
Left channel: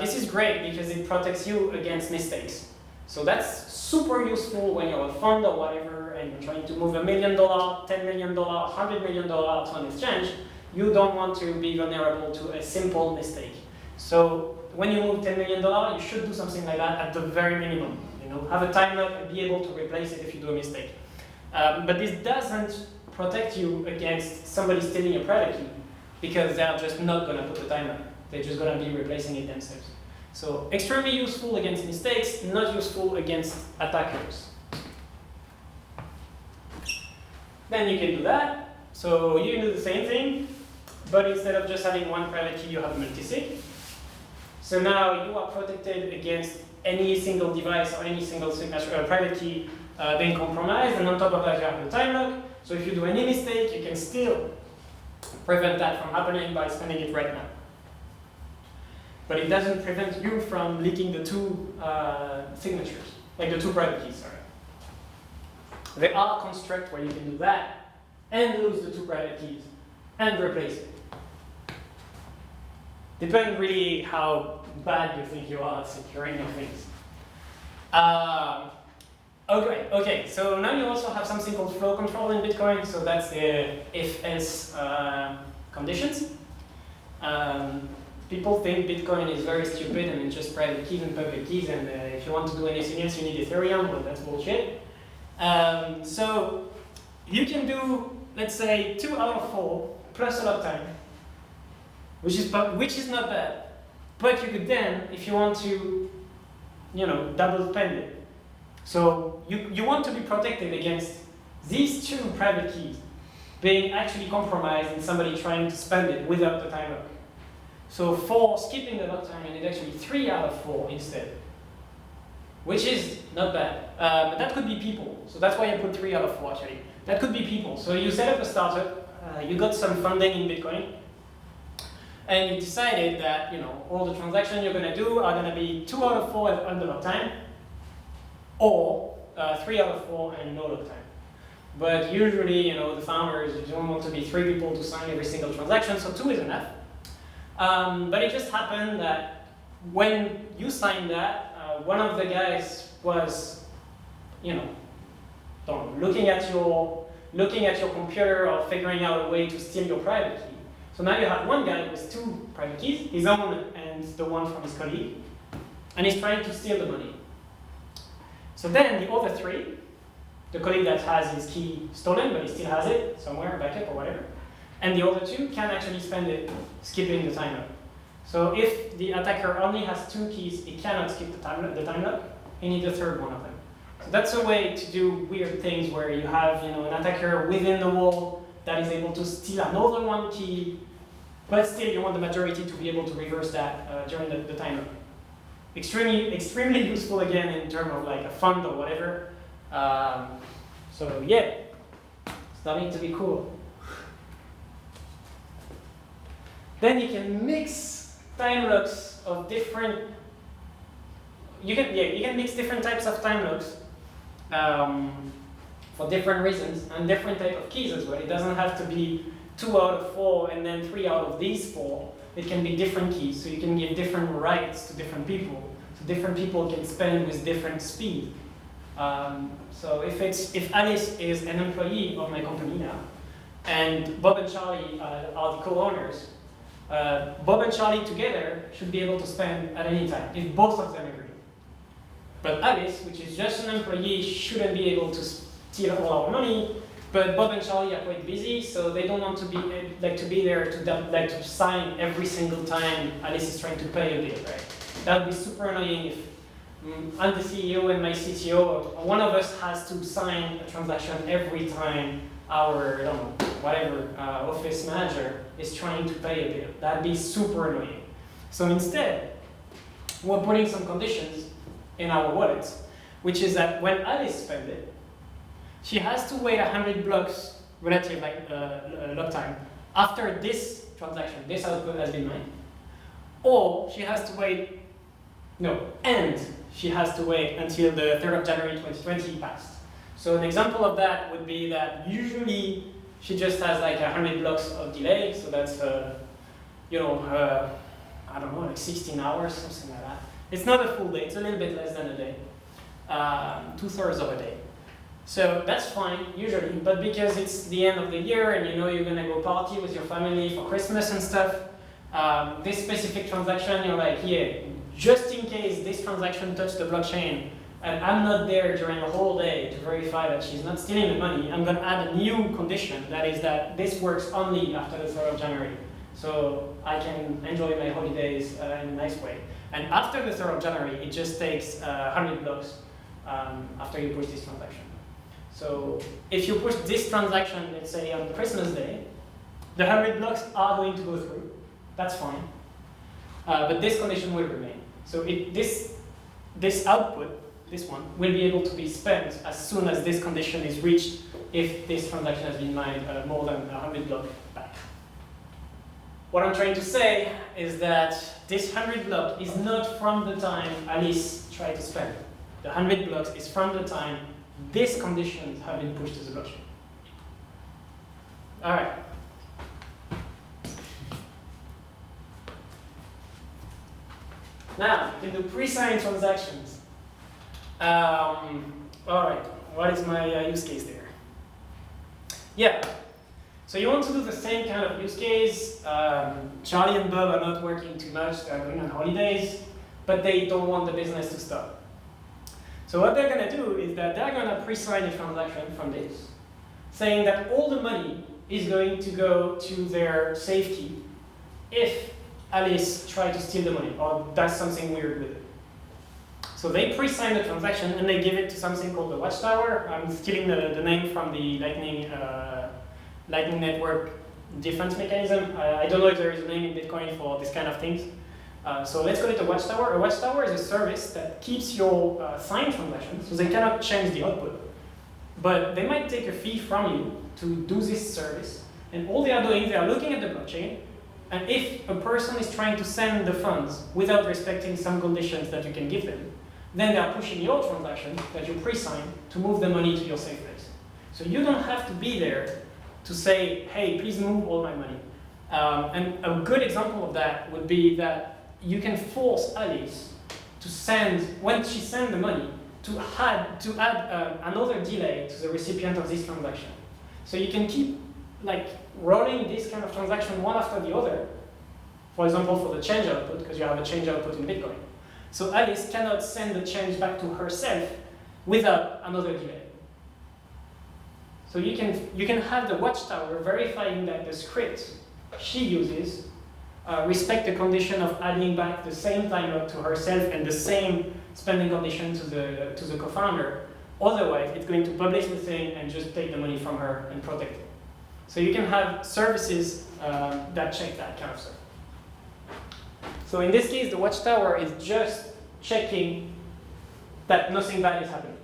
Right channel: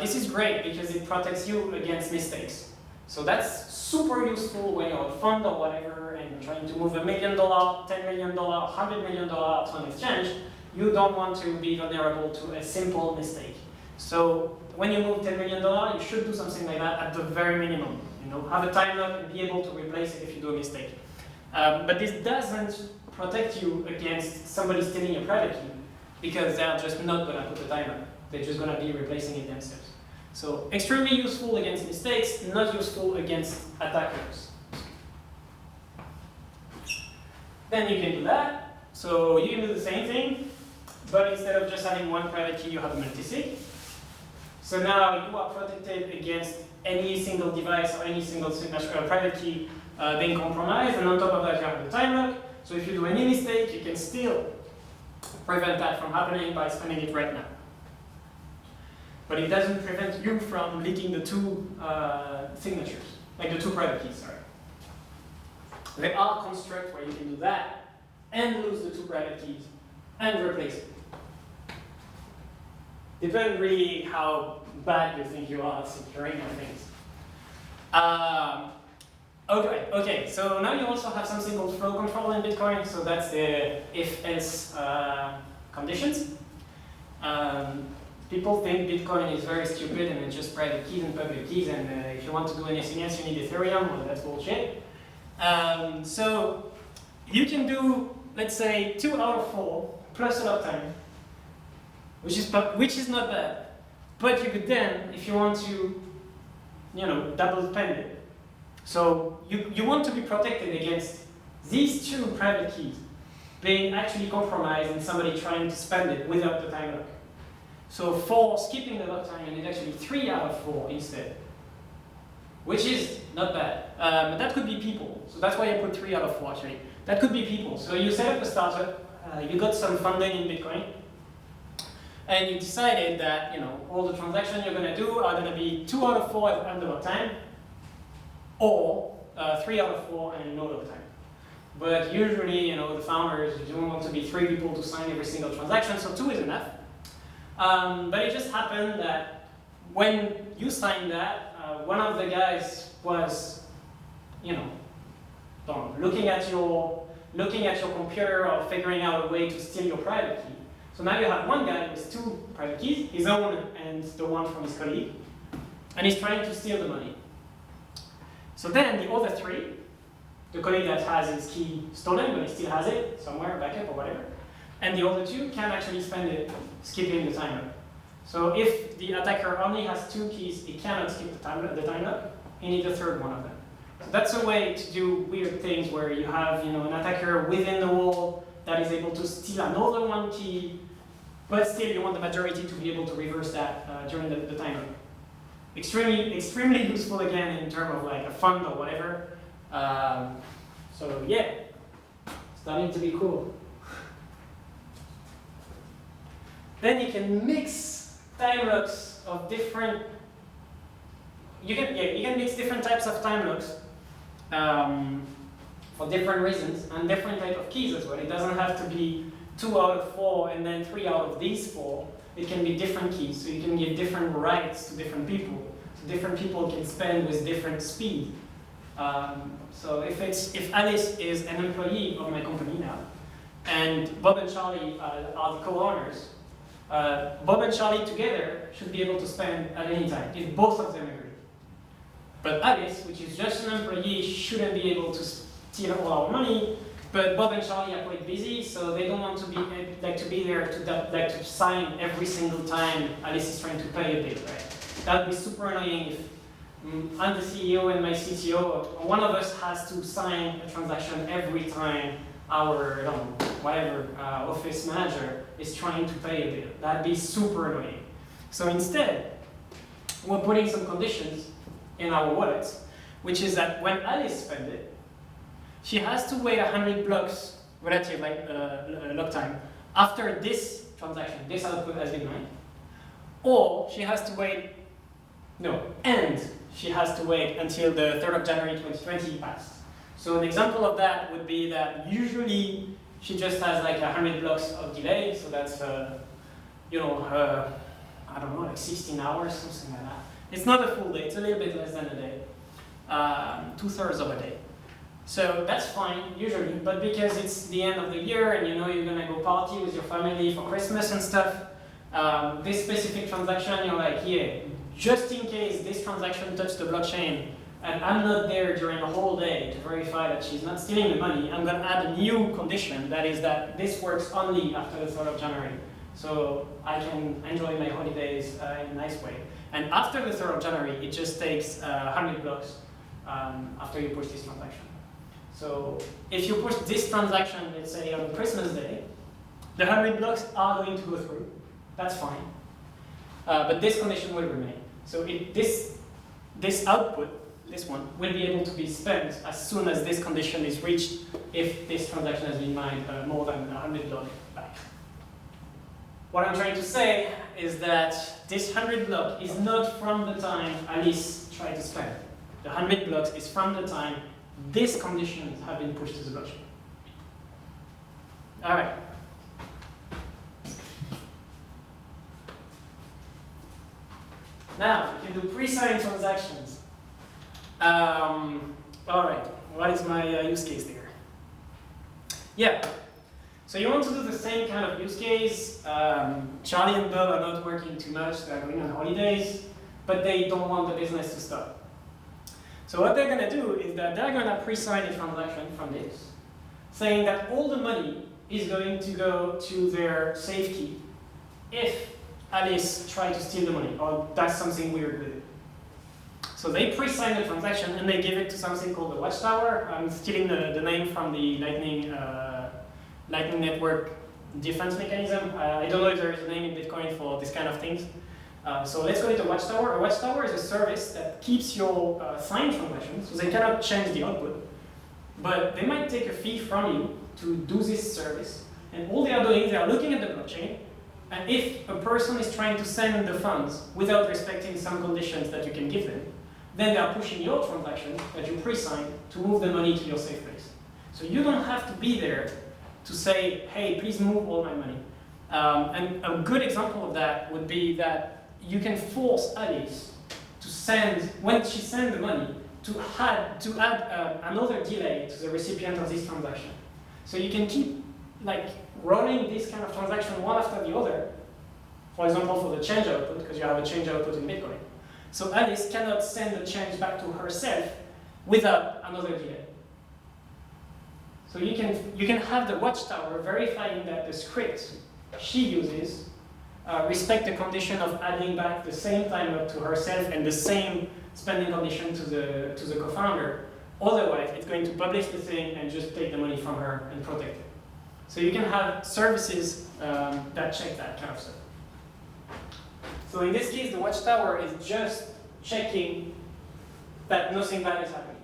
This is great because it protects you against mistakes. So that's super useful when you're a fund or whatever and you're trying to move $1 million, $10 million, $100 million to an exchange. You don't want to be vulnerable to a simple mistake. So when you move $10 million, you should do something like that at the very minimum. Have a time lock and be able to replace it if you do a mistake. But this doesn't protect you against somebody stealing your private key because they're just not going to put the timer. They're just going to be replacing it themselves. So extremely useful against mistakes, not useful against attackers. Then you can do that. So you can do the same thing, but instead of just having one private key, you have a multi-sig. So now you are protected against any single device or any single private key being compromised, and on top of that you have the time lock. So if you do any mistake, you can still prevent that from happening by spending it right now. But it doesn't prevent you from leaking the 2 signatures, like the 2 private keys, sorry. There are constructs where you can do that and lose the 2 private keys and replace it. Depends really how bad you think you are at securing your things. Okay, so now you also have something called flow control in Bitcoin, so that's the if-else conditions. People think Bitcoin is very stupid and it's just private keys and public keys, and if you want to do anything else, you need Ethereum. Well, that's bullshit. So you can do, let's say, 2 out of 4 plus a lot of time, which is not bad. But you could then, if you want to, double spend it. So you want to be protected against these 2 private keys being actually compromised and somebody trying to spend it without the time lock. So for skipping the lock time, you need actually 3 out of 4 instead, which is not bad. But that could be people. So that's why I put 3 out of 4 actually. That could be people. So you set up a startup, you got some funding in Bitcoin, and you decided that all the transactions you're going to do are going to be 2 out of 4 at the lock time, or 3 out of 4 and no lock time. But usually, the founders, you don't want to be 3 people to sign every single transaction, so 2 is enough. But it just happened that when you signed that, one of the guys was, looking at your computer or figuring out a way to steal your private key. So now you have one guy with 2 private keys, his own and the one from his colleague, and he's trying to steal the money. So then the other 3, the colleague that has his key stolen, but he still has it somewhere, backup or whatever, and the other 2 can actually spend it skipping the time lock. So if the attacker only has 2 keys, he cannot skip the time lock. He needs a third one of them. So that's a way to do weird things where you have an attacker within the wall that is able to steal another 1 key, but still you want the majority to be able to reverse that during the time lock. Extremely useful again in terms of like a fund or whatever. So yeah, starting to be cool. Then you can mix time locks of different. You can mix different types of time locks for different reasons and different type of keys as well. It doesn't have to be 2 out of 4 and then 3 out of these 4. It can be different keys, so you can give different rights to different people. So different people can spend with different speed. So if Alice is an employee of my company now, and Bob and Charlie are the co-owners, Bob and Charlie together should be able to spend at any time, if both of them agree. But Alice, which is just an employee, shouldn't be able to steal all our money, but Bob and Charlie are quite busy, so they don't want to be there to sign every single time Alice is trying to pay a bill, right? That would be super annoying if I'm the CEO and my CTO, one of us has to sign a transaction every time our office manager is trying to pay a bill. That'd be super annoying. So instead, we're putting some conditions in our wallets, which is that when Alice spends it, she has to wait 100 blocks relative lock time after this transaction, this output has been mined, or she has to wait. And she has to wait until the 3rd of January 2020 passed. So an example of that would be that usually she just has like 100 blocks of delay, so that's I don't know, like 16 hours, something like that. It's not a full day, it's a little bit less than a day, 2/3 of a day. So that's fine, usually, but because it's the end of the year and you're gonna go party with your family for Christmas and stuff, this specific transaction, you're like, yeah, just in case this transaction touched the blockchain and I'm not there during the whole day to verify that she's not stealing the money, I'm gonna add a new condition, that is that this works only after the 3rd of January. So I can enjoy my holidays in a nice way. And after the 3rd of January, it just takes 100 blocks after you push this transaction. So if you push this transaction, let's say on Christmas Day, the 100 blocks are going to go through. That's fine. But this condition will remain. So this output, this one, will be able to be spent as soon as this condition is reached if this transaction has been mined more than 100 blocks back. What I'm trying to say is that this 100 block is not from the time Alice tried to spend. The 100 blocks is from the time these conditions have been pushed to the blockchain. All right. Now, you can do pre-signed transactions. All right, what is my use case there? Yeah, so you want to do the same kind of use case. Charlie and Bob are not working too much, they're going on holidays, but they don't want the business to stop. So what they're gonna do is that they're gonna pre-sign a transaction from this, saying that all the money is going to go to their safe key if Alice tried to steal the money or does something weird with it. So they pre-sign the transaction and they give it to something called the Watchtower. I'm stealing the name from the Lightning Network defense mechanism. I don't know if there is a name in Bitcoin for this kind of things. So let's call it a watchtower. A watchtower is a service that keeps your signed transactions, so they cannot change the output, but they might take a fee from you to do this service. And all they are doing, they are looking at the blockchain, and if a person is trying to send the funds without respecting some conditions that you can give them, then they are pushing your transaction that you pre-signed to move the money to your safe place. So you don't have to be there to say, hey, please move all my money. And a good example of that would be that you can force Alice to send, when she sends the money, to add another delay to the recipient of this transaction. So you can keep like rolling this kind of transaction one after the other, for example, for the change output, because you have a change output in Bitcoin. So Alice cannot send the change back to herself without another delay. So you can have the watchtower verifying that the script she uses respect the condition of adding back the same timer to herself and the same spending condition to the co-founder. Otherwise, it's going to publish the thing and just take the money from her and protect it. So you can have services that check that kind of stuff. So in this case, the watchtower is just checking that nothing bad is happening.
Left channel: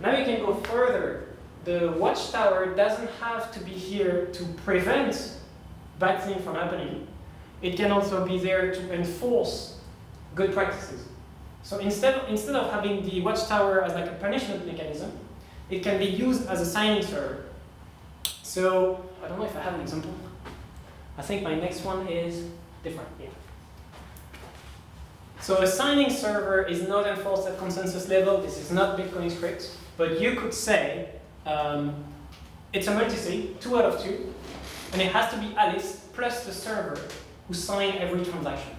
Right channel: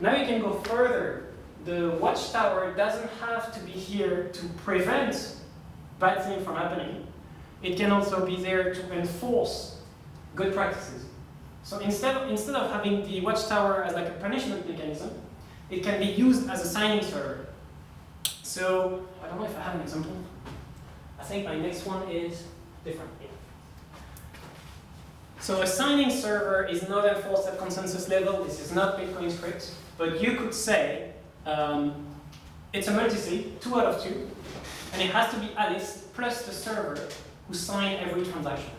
Now you can go further. The watchtower doesn't have to be here to prevent bad things from happening. It can also be there to enforce good practices. So instead of having the watchtower as like a punishment mechanism, it can be used as a signing server. So I don't know if I have an example. I think my next one is different. Yeah. So a signing server is not enforced at consensus level. This is not Bitcoin script, but you could say it's a multi-sig, 2 out of 2, and it has to be Alice plus the server who sign every transaction.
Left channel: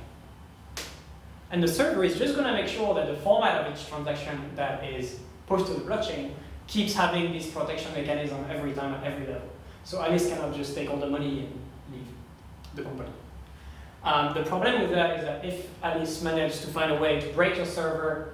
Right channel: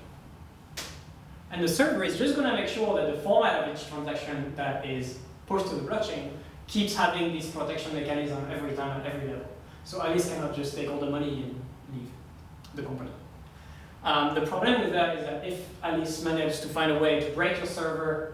And the server is just going to make sure that the format of each transaction that is pushed to the blockchain keeps having this protection mechanism every time at every level. So Alice cannot just take all the money and leave the company. The problem with that is that if Alice managed to find a way to break your server,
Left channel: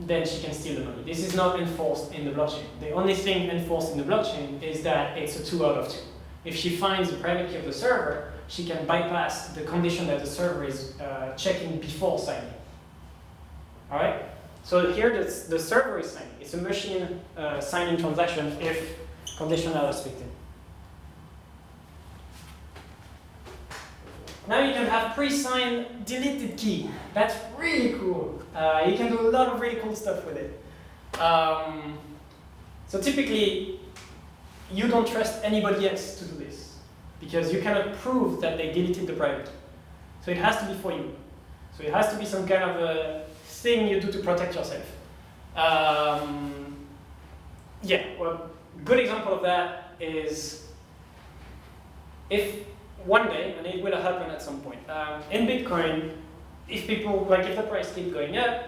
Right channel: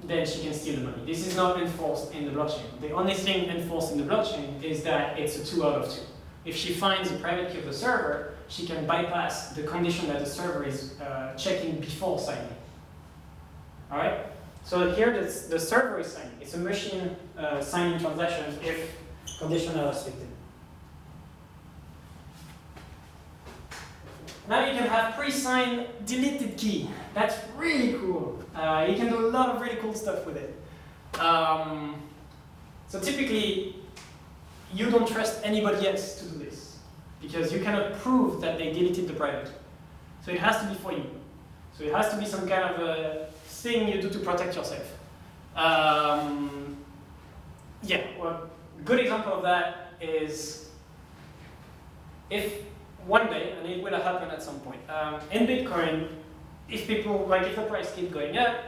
then she can steal the money. This is not enforced in the blockchain. The only thing enforced in the blockchain is that it's a 2 out of 2. If she finds the private key of the server, she can bypass the condition that the server is checking before signing. All right? So here the server is signing. It's a machine signing transactions if conditions are respected. Now you can have pre-signed deleted key. That's really cool. You can do a lot of really cool stuff with it. So typically, you don't trust anybody else to do this because you cannot prove that they deleted the private key. So it has to be for you. So it has to be some kind of a thing you do to protect yourself. Yeah, well, a good example of that is if one day, and it will happen at some point, in Bitcoin, if the price keeps going up,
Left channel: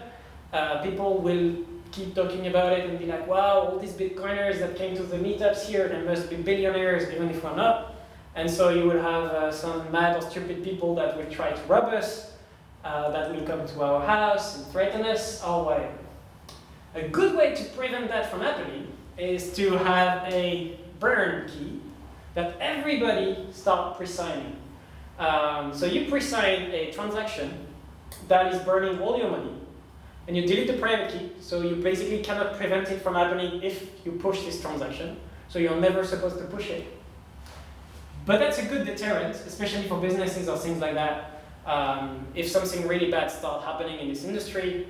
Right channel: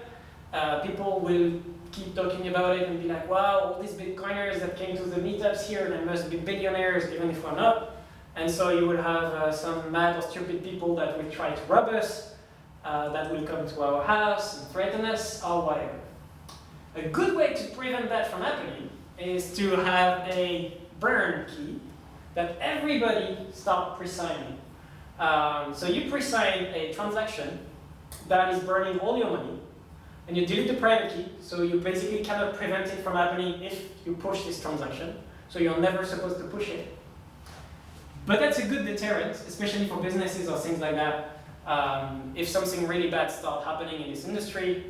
people will keep talking about it and be like, wow, all these Bitcoiners that came to the meetups here, they must be billionaires, even if we're not. And so you will have some mad or stupid people that will try to rob us, that will come to our house and threaten us, or whatever. A good way to prevent that from happening is to have a burn key that everybody start pre-signing. So you pre-sign a transaction that is burning all your money, and you delete the private key, so you basically cannot prevent it from happening if you push this transaction, so you're never supposed to push it. But that's a good deterrent, especially for businesses or things like that. If something really bad starts happening in this industry,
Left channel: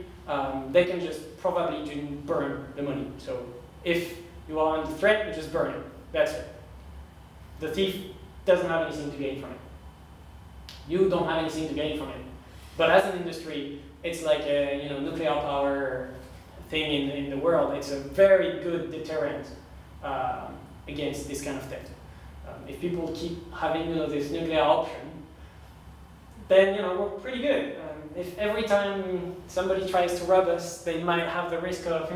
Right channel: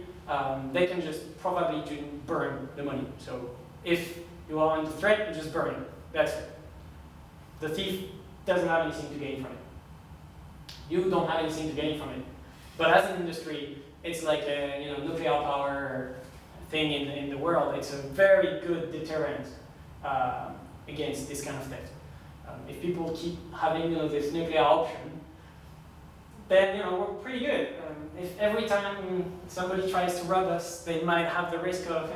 they can just probably burn the money. So if you are under threat, you just burn it. That's it. The thief doesn't have anything to gain from it. You don't have anything to gain from it. But as an industry, it's like a nuclear power thing in the world. It's a very good deterrent against this kind of theft. If people keep having this nuclear option, then we're pretty good. If every time somebody tries to rob us, they might have the risk of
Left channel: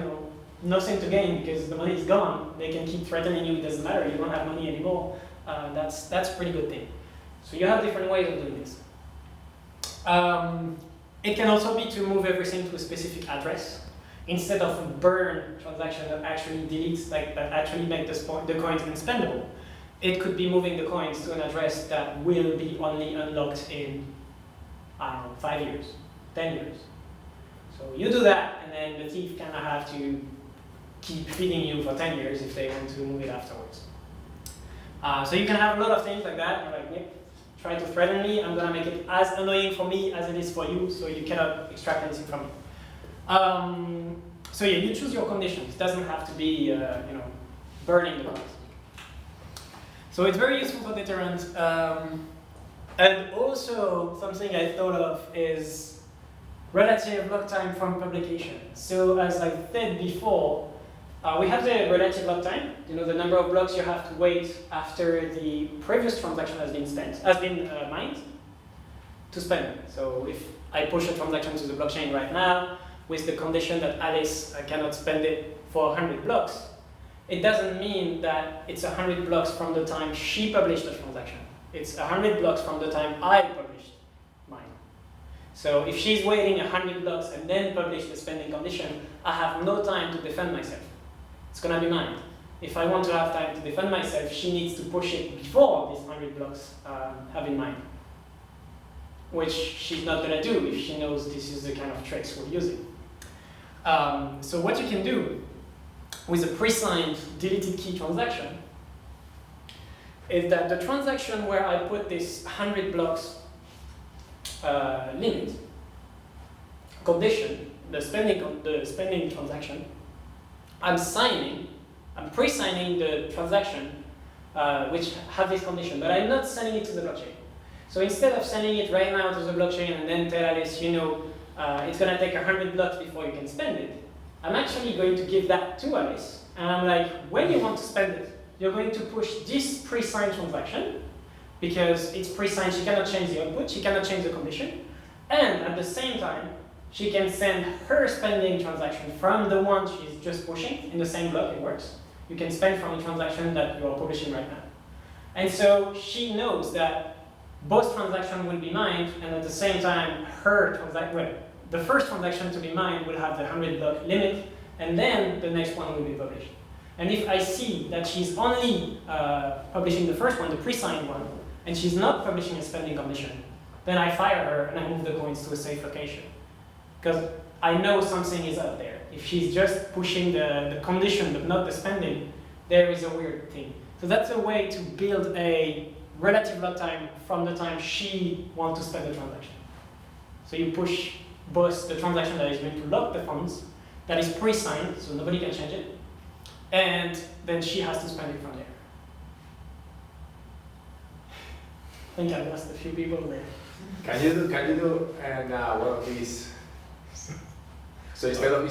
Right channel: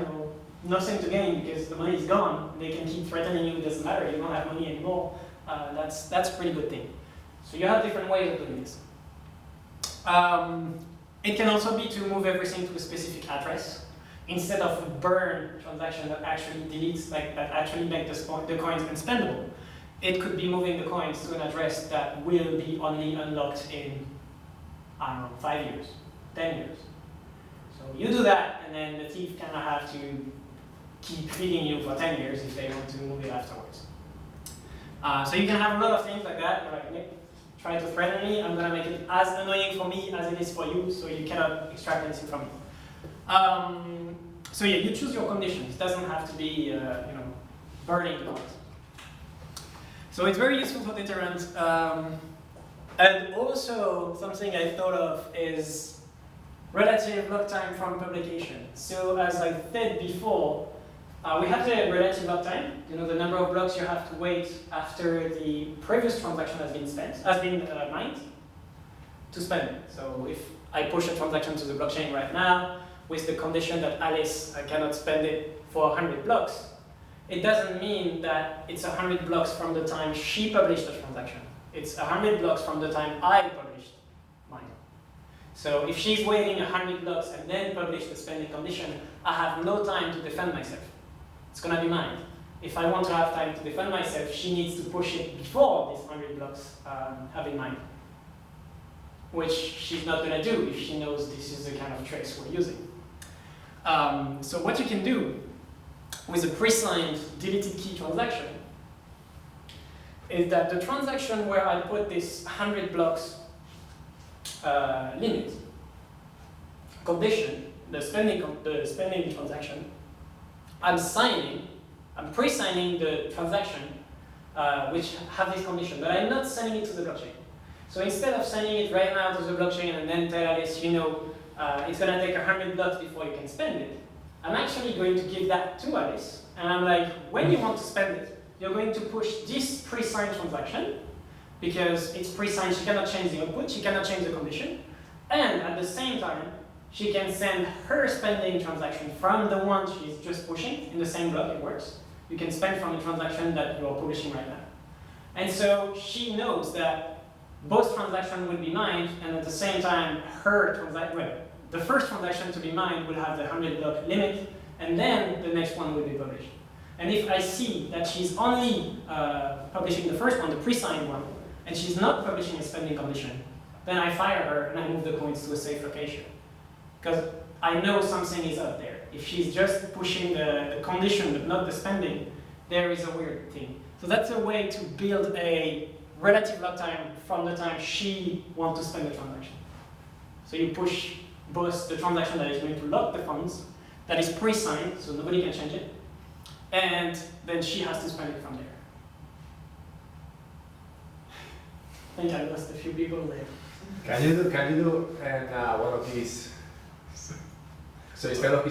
nothing to gain because the money is gone. They can keep threatening you. It doesn't matter. You don't have money anymore. That's a pretty good thing. So you have different ways of doing this. It can also be to move everything to a specific address. instead of a burn transaction that actually deletes, like that actually makes the coins unspendable, it could be moving the coins to an address that will be only unlocked in, I don't know, 5 years, 10 years. So you do that, and then the thief kind of have to keep feeding you for 10 years if they want to move it afterwards. So you can have a lot of things like that. You're like, Nick, try to threaten me. I'm gonna make it as annoying for me as it is for you, so you cannot extract anything from me. So yeah, you choose your conditions. It doesn't have to be, burning the coins. So it's very useful for deterrent. And also something I thought of is relative block time from publication. So as I said before, we have the relative block time, the number of blocks you have to wait after the previous transaction has been mined to spend it. So if I push a transaction to the blockchain right now with the condition that Alice cannot spend it for 100 blocks, it doesn't mean that it's 100 blocks from the time she published the transaction. It's 100 blocks from the time I published mine. So if she's waiting 100 blocks and then publish the spending condition, I have no time to defend myself. It's gonna be mine. If I want to have time to defend myself, she needs to push it before these 100 blocks have been mined, which she's not gonna do if she knows this is the kind of tricks we're using. So what you can do with a pre-signed deleted key transaction is that the transaction where I put this 100 blocks limit condition, the spending transaction, I'm pre-signing the transaction which have this condition, but I'm not sending it to the blockchain. So instead of sending it right now to the blockchain and then tell Alice, it's gonna take 100 blocks before you can spend it, I'm actually going to give that to Alice, and I'm like, when you want to spend it, you're going to push this pre-signed transaction, because it's pre-signed, she cannot change the output, she cannot change the condition, and at the same time, she can send her spending transaction from the one she's just pushing in the same block, it works. You can spend from the transaction that you're publishing right now. And so she knows that both transactions will be mined, and at the same time, the first transaction to be mined will have the 100 block limit, and then the next one will be published. And if I see that she's only publishing the first one, the pre-signed one, and she's not publishing a spending condition, then I fire her and I move the coins to a safe location. Because I know something is out there. If she's just pushing the condition but not the spending, there is a weird thing. So that's a way to build a relative lock time from the time she wants to spend the transaction. So you push both the transaction that is going to lock the funds, that is pre-signed, so nobody can change it, and then she has to spend it from there. I think I lost a few people there. Can you do one of these? So instead of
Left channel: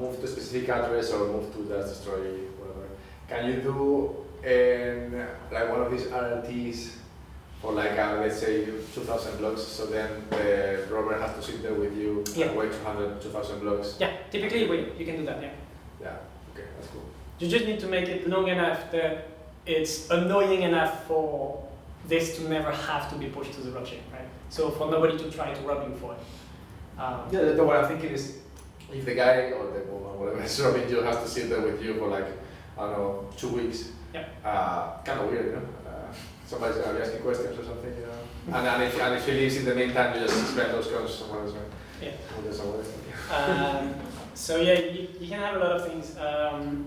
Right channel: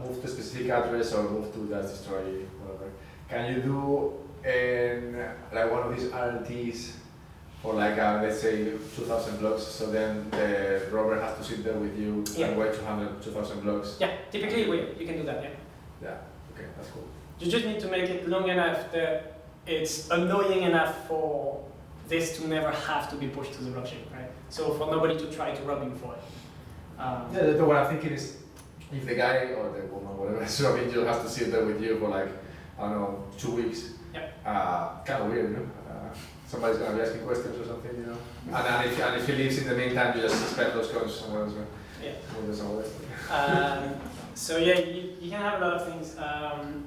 move to a specific address or move to the destroy whatever, can you do like one of these RLTs for like let's say 2,000 blocks? So then the robber has to sit there with you and wait 2,000 blocks. Yeah, typically you can do that. Yeah. Yeah. Okay, that's cool. You just need to make it long enough that it's annoying enough for this to never have to be pushed to the blockchain, right? So for nobody to try to rob you for it. What I'm thinking is, if the guy or the woman, whatever is robbing you, has to sit there with you for like, I don't know, 2 weeks. Yeah. Kind of weird, somebody's gonna be asking questions or something, and if he leaves in the meantime, you just spend those coins somewhere else, right? Yeah. So yeah, you can have a lot of things.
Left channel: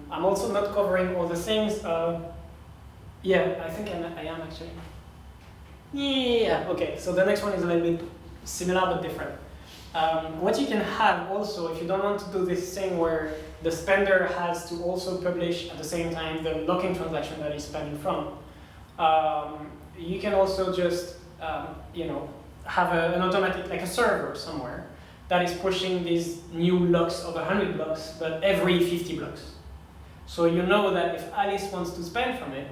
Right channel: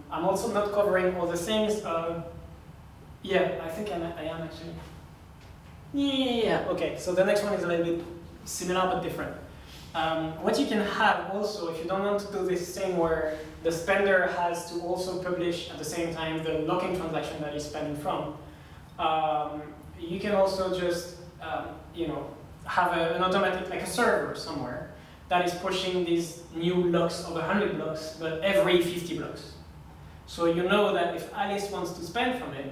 I'm also not covering all the things. Yeah, I think I am actually. Yeah, okay, so the next one is a little bit similar but different. What you can have also, if you don't want to do this thing where the spender has to also publish at the same time the locking transaction that he's spending from, you can also just have an automatic, like a server somewhere that is pushing these new locks of 100 blocks, but every 50 blocks. So you know that if Alice wants to spend from it,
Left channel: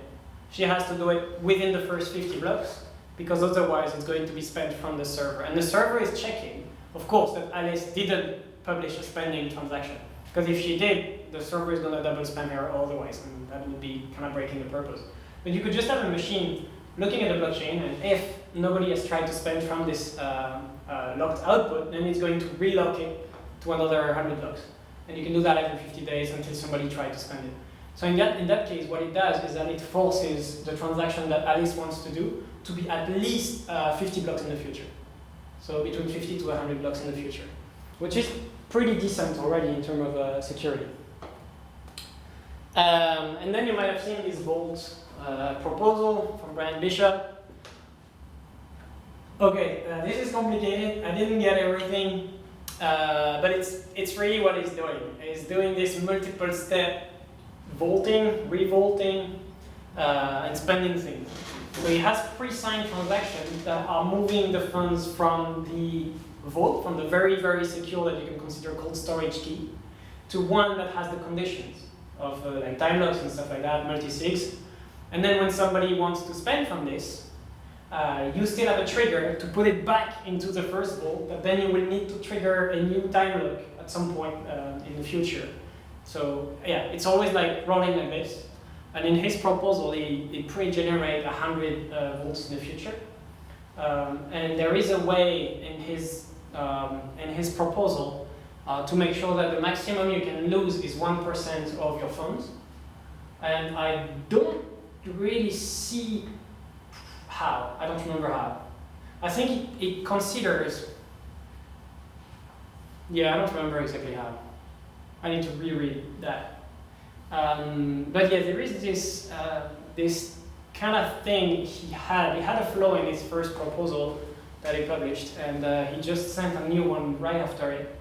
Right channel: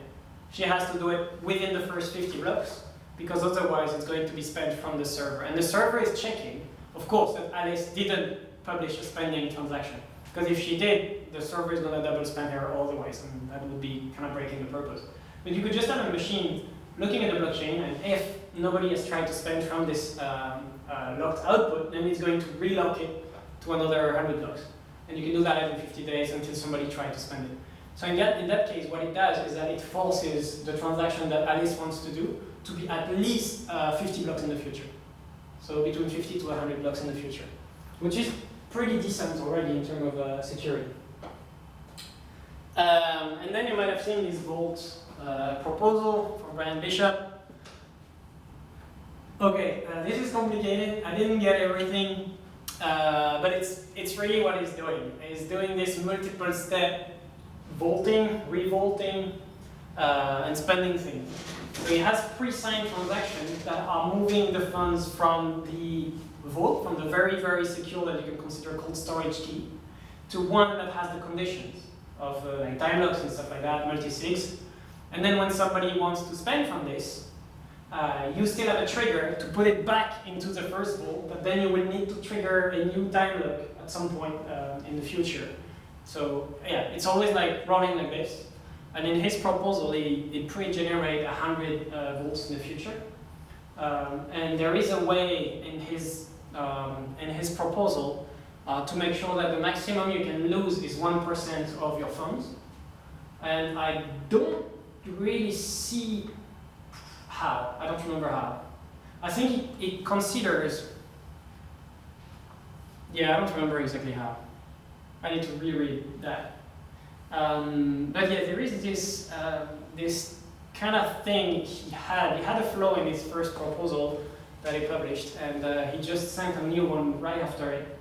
she has to do it within the first 50 blocks, because otherwise it's going to be spent from the server. And the server is checking, of course, that Alice didn't publish a spending transaction. Because if she did, the server is going to double spend her otherwise, and that would be kind of breaking the purpose. But you could just have a machine looking at the blockchain, and if nobody has tried to spend from this locked output, then it's going to relock it to another 100 blocks. And you can do that every 50 days until somebody tries to spend it. So in that case, what it does is that it forces the transaction that Alice wants to do to be at least 50 blocks in the future. So between 50 to 100 blocks in the future, which is pretty decent already in terms of security. And then you might have seen this Vault proposal from Brian Bishop. Okay, this is complicated. I didn't get everything, but it's really what he's doing. He's doing this multiple step vaulting, revaulting, and spending things. So he has pre-signed transactions that are moving the funds from the vault, from the very, very secure that you can consider cold storage key, to one that has the conditions of like time locks and stuff like that, multi-sigs. And then when somebody wants to spend from this, you still have a trigger to put it back into the first vault, but then you will need to trigger a new time lock at some point in the future. So yeah, it's always like running like this. And in his proposal, he pre-generate 100 volts in the future. And there is a way in his proposal to make sure that the maximum you can lose is 1% of your funds. And I don't really see how. I don't remember how. I think it considers, yeah, I don't remember exactly how. I need to reread that. But yeah, there is this this kind of thing he had. He had a flaw in his first proposal that he published, and he just sent a new one right after it,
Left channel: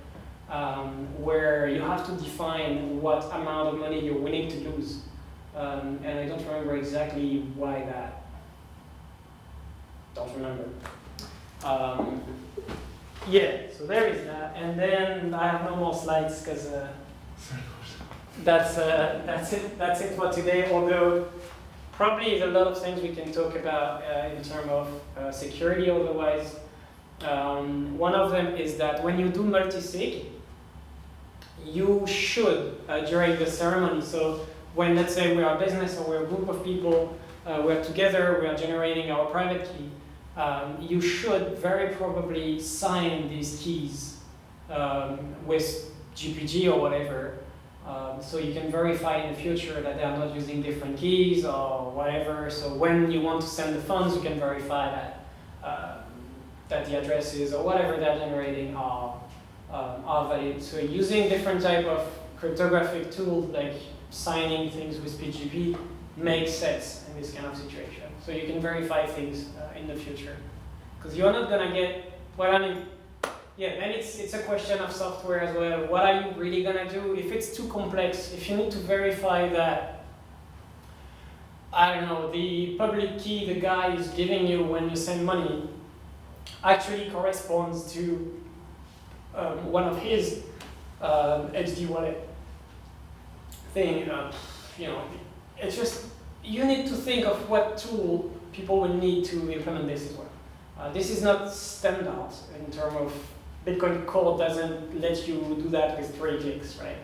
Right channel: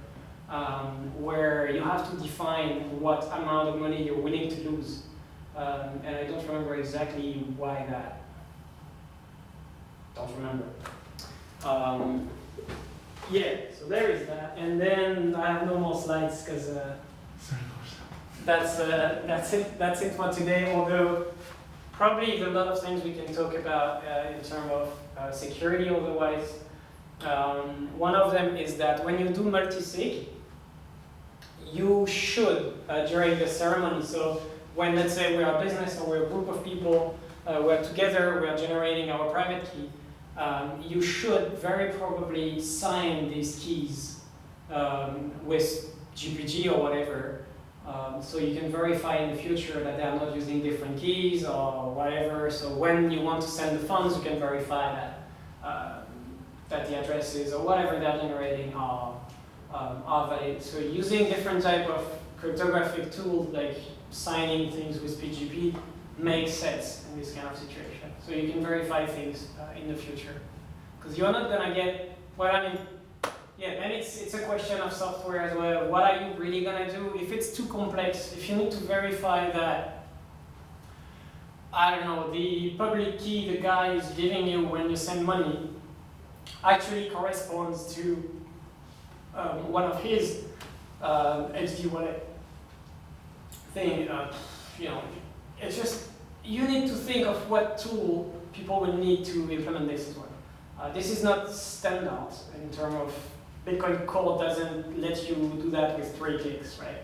where you have to define what amount of money you're willing to lose. And I don't remember exactly why that. Don't remember. Yeah, so there is that, and then I have no more slides because. That's it for today, although probably there's a lot of things we can talk about in terms of security otherwise. One of them is that when you do multi-sig, you should, during the ceremony, so when let's say we are a business or we're a group of people, we're together, we are generating our private key, you should very probably sign these keys with GPG or whatever. So you can verify in the future that they are not using different keys or whatever. So when you want to send the funds, you can verify that that the addresses or whatever they're generating are valid. So using different type of cryptographic tools like signing things with PGP makes sense in this kind of situation. So you can verify things in the future, because you're not gonna get what I mean. Yeah, and it's a question of software as well. What are you really gonna do? If it's too complex, if you need to verify that, I don't know, the public key the guy is giving you when you send money actually corresponds to one of his HD wallet thing, you know, it's just, you need to think of what tool people will need to implement this as well. This is not standard in terms of Bitcoin Core doesn't let you do that with 3 clicks, right?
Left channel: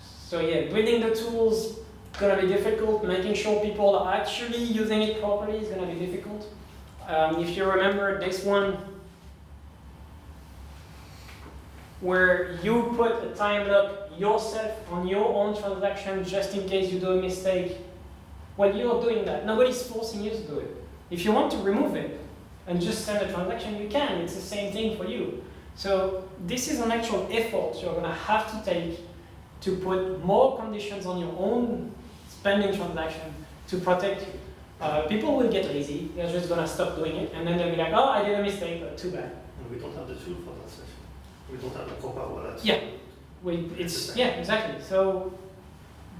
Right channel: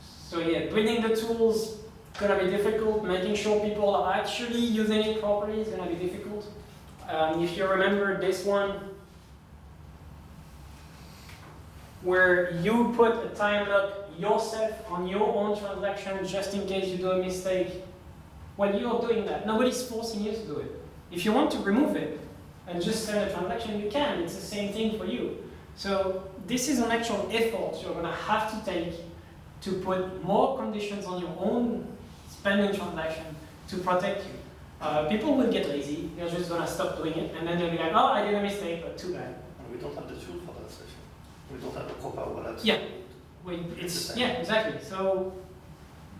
So yeah, building the tools is gonna be difficult. Making sure people are actually using it properly is gonna be difficult. If you remember this one, where you put a time lock yourself on your own transaction just in case you do a mistake, well, you're doing that. Nobody's forcing you to do it. If you want to remove it, and just send a transaction, you can. It's the same thing for you. So this is an actual effort you're gonna have to take to put more conditions on your own spending transaction to protect you. People will get lazy, they're just gonna stop doing it, and then they'll be like, oh, I did a mistake, but too bad. And we don't have the tool for that session. We don't have a proper wallet. Yeah, yeah, exactly. So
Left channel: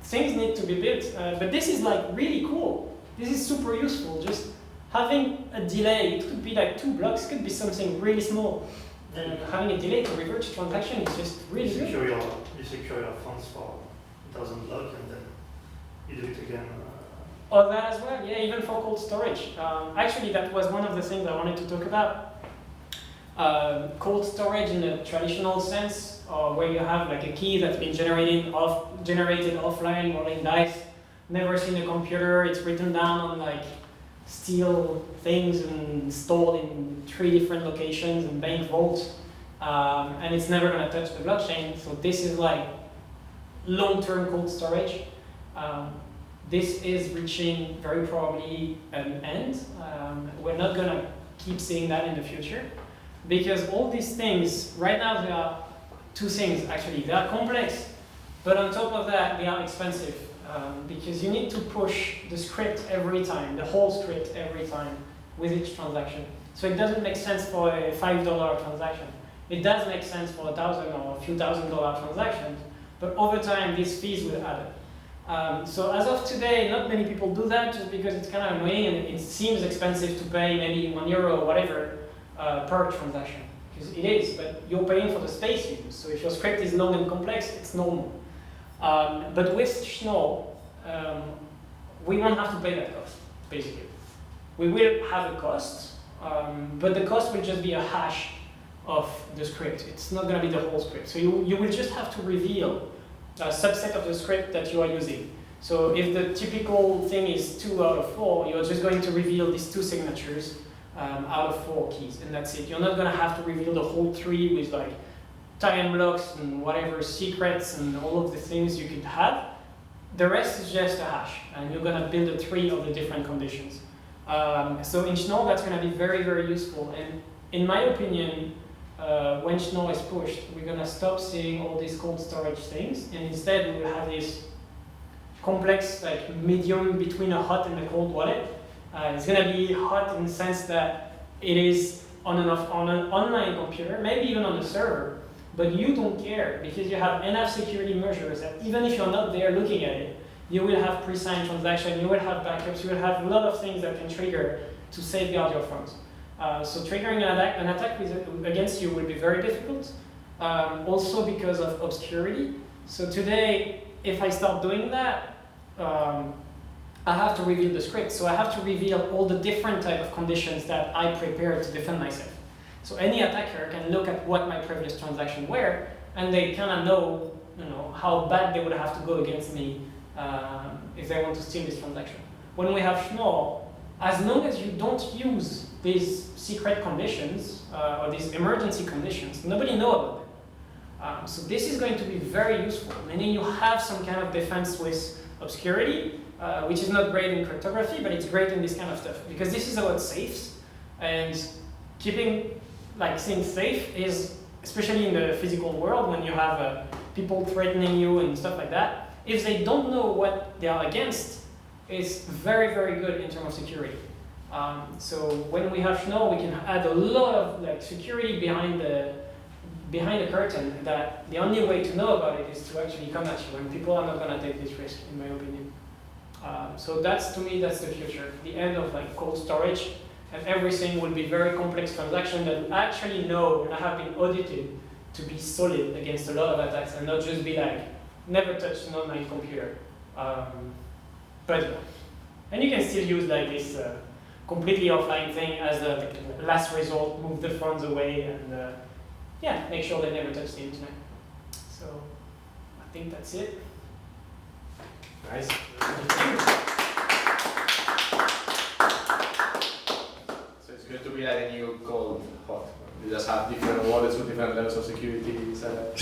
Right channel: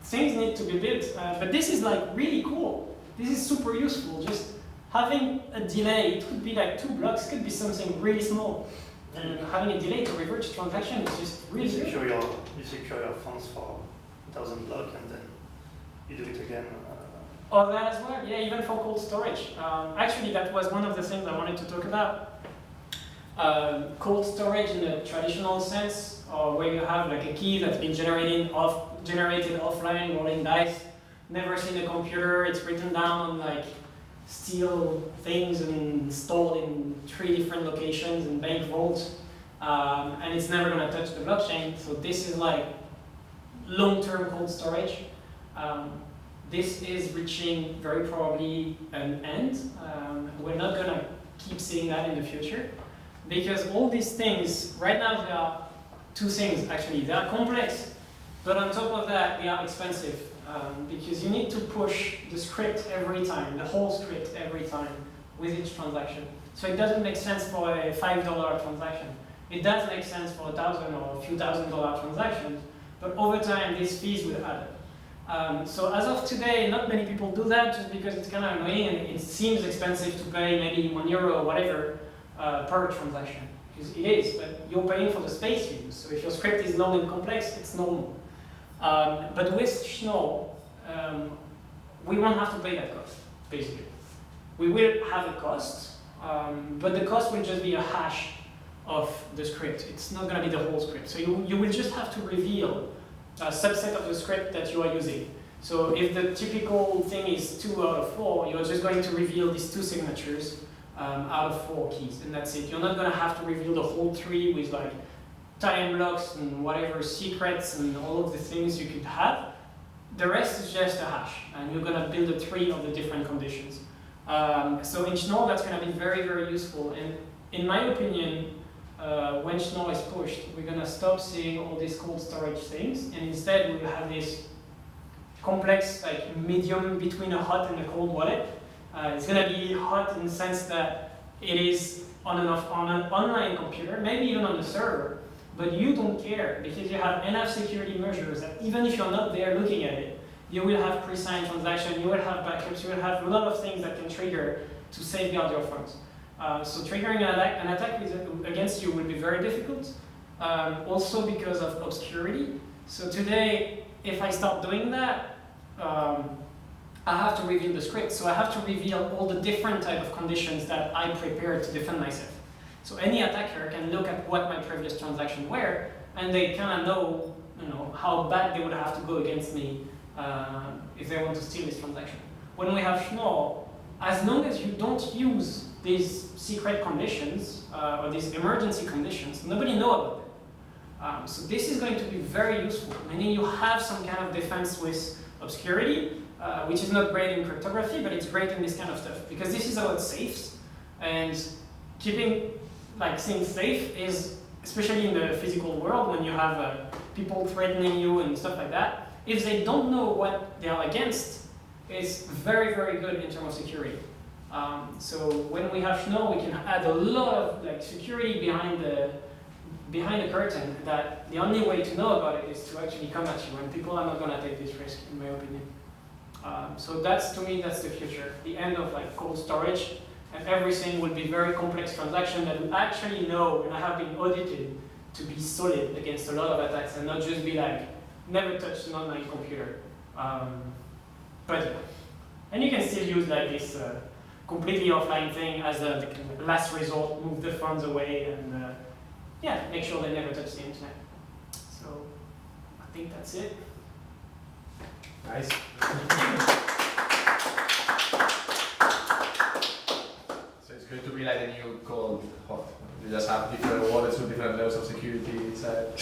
things need to be built, but this is like really cool. This is super useful. Just having a delay, it could be like 2 blocks, it could be something really small. And having a delay to revert to transaction is just really good. You secure your funds for 1,000 blocks and then you do it again. Or that as well, yeah, even for cold storage. Actually, that was one of the things I wanted to talk about. Cold storage in the traditional sense, or where you have like a key that's been generated offline, rolling dice, never seen a computer, it's written down on like steel things and stored in 3 different locations and bank vaults. and it's never going to touch the blockchain. So this is like long-term cold storage. This is reaching very probably an end. We're not going to keep seeing that in the future, because all these things, right now there are two things actually. They are complex, but on top of that, they are expensive, because you need to push the script every time, the whole script every time with each transaction. So it doesn't make sense for a $5 transaction. It does make sense for $1,000 or a few $1,000 transactions, but over time, these fees will add up. So as of today, not many people do that just because it's kind of annoying and it seems expensive to pay maybe €1 or whatever per transaction. Because it is, but you're paying for the space you use. So if your script is long and complex, it's normal. But with Schnorr, we won't have to pay that cost, basically. We will have a cost, but the cost will just be a hash of the script. It's not going to be the whole script. So you will just have to reveal a subset of the script that you are using. So if the typical thing is 2 out of 4, you're just going to reveal these 2 signatures out of 4 keys, and that's it. You're not going to have to reveal the whole tree with like time blocks and whatever secrets and all of the things you could have. The rest is just a hash, and you're going to build a tree of the different conditions. So in Schnorr, that's going to be very, very useful. And in my opinion, when Schnorr is pushed, we're going to stop seeing all these cold storage things, and instead we will have this complex, like medium between a hot and a cold wallet. It's going to be hot in the sense that it is on and off on an online computer, maybe even on the server, but you don't care because you have enough security measures that even if you're not there looking at it, you will have pre-signed transaction, you will have backups, you will have a lot of things that can trigger to safeguard your funds. So triggering an attack against you will be very difficult, also because of obscurity. So today, if I start doing that, I have to reveal the script. So I have to reveal all the different type of conditions that I prepared to defend myself. So any attacker can look at what my previous transactions were, and they kind of know, how bad they would have to go against me if they want to steal this transaction. When we have Schnorr, as long as you don't use these secret conditions or these emergency conditions, nobody knows about them. So this is going to be very useful, meaning you have some kind of defense with obscurity, which is not great in cryptography, but it's great in this kind of stuff, because this is about safes, and keeping things safe is, especially in the physical world, when you have people threatening you and stuff like that, if they don't know what they are against, it's very, very good in terms of security. So when we have Schnorr, we can add a lot of security behind the curtain, that the only way to know about it is to actually come at you, and people are not going to take this risk, in my opinion. So to me, that's the future. The end of cold storage, and everything will be very complex transaction that we actually know and have been audited to be solid against a lot of attacks, and not just be never touch an online computer. But yeah. And you can still use this completely offline thing as a last resort, move the funds away, and make sure they never touch the internet. So I think that's it. Nice. So it's going to be like a new cold hot. You just have different wallets with different levels of security inside.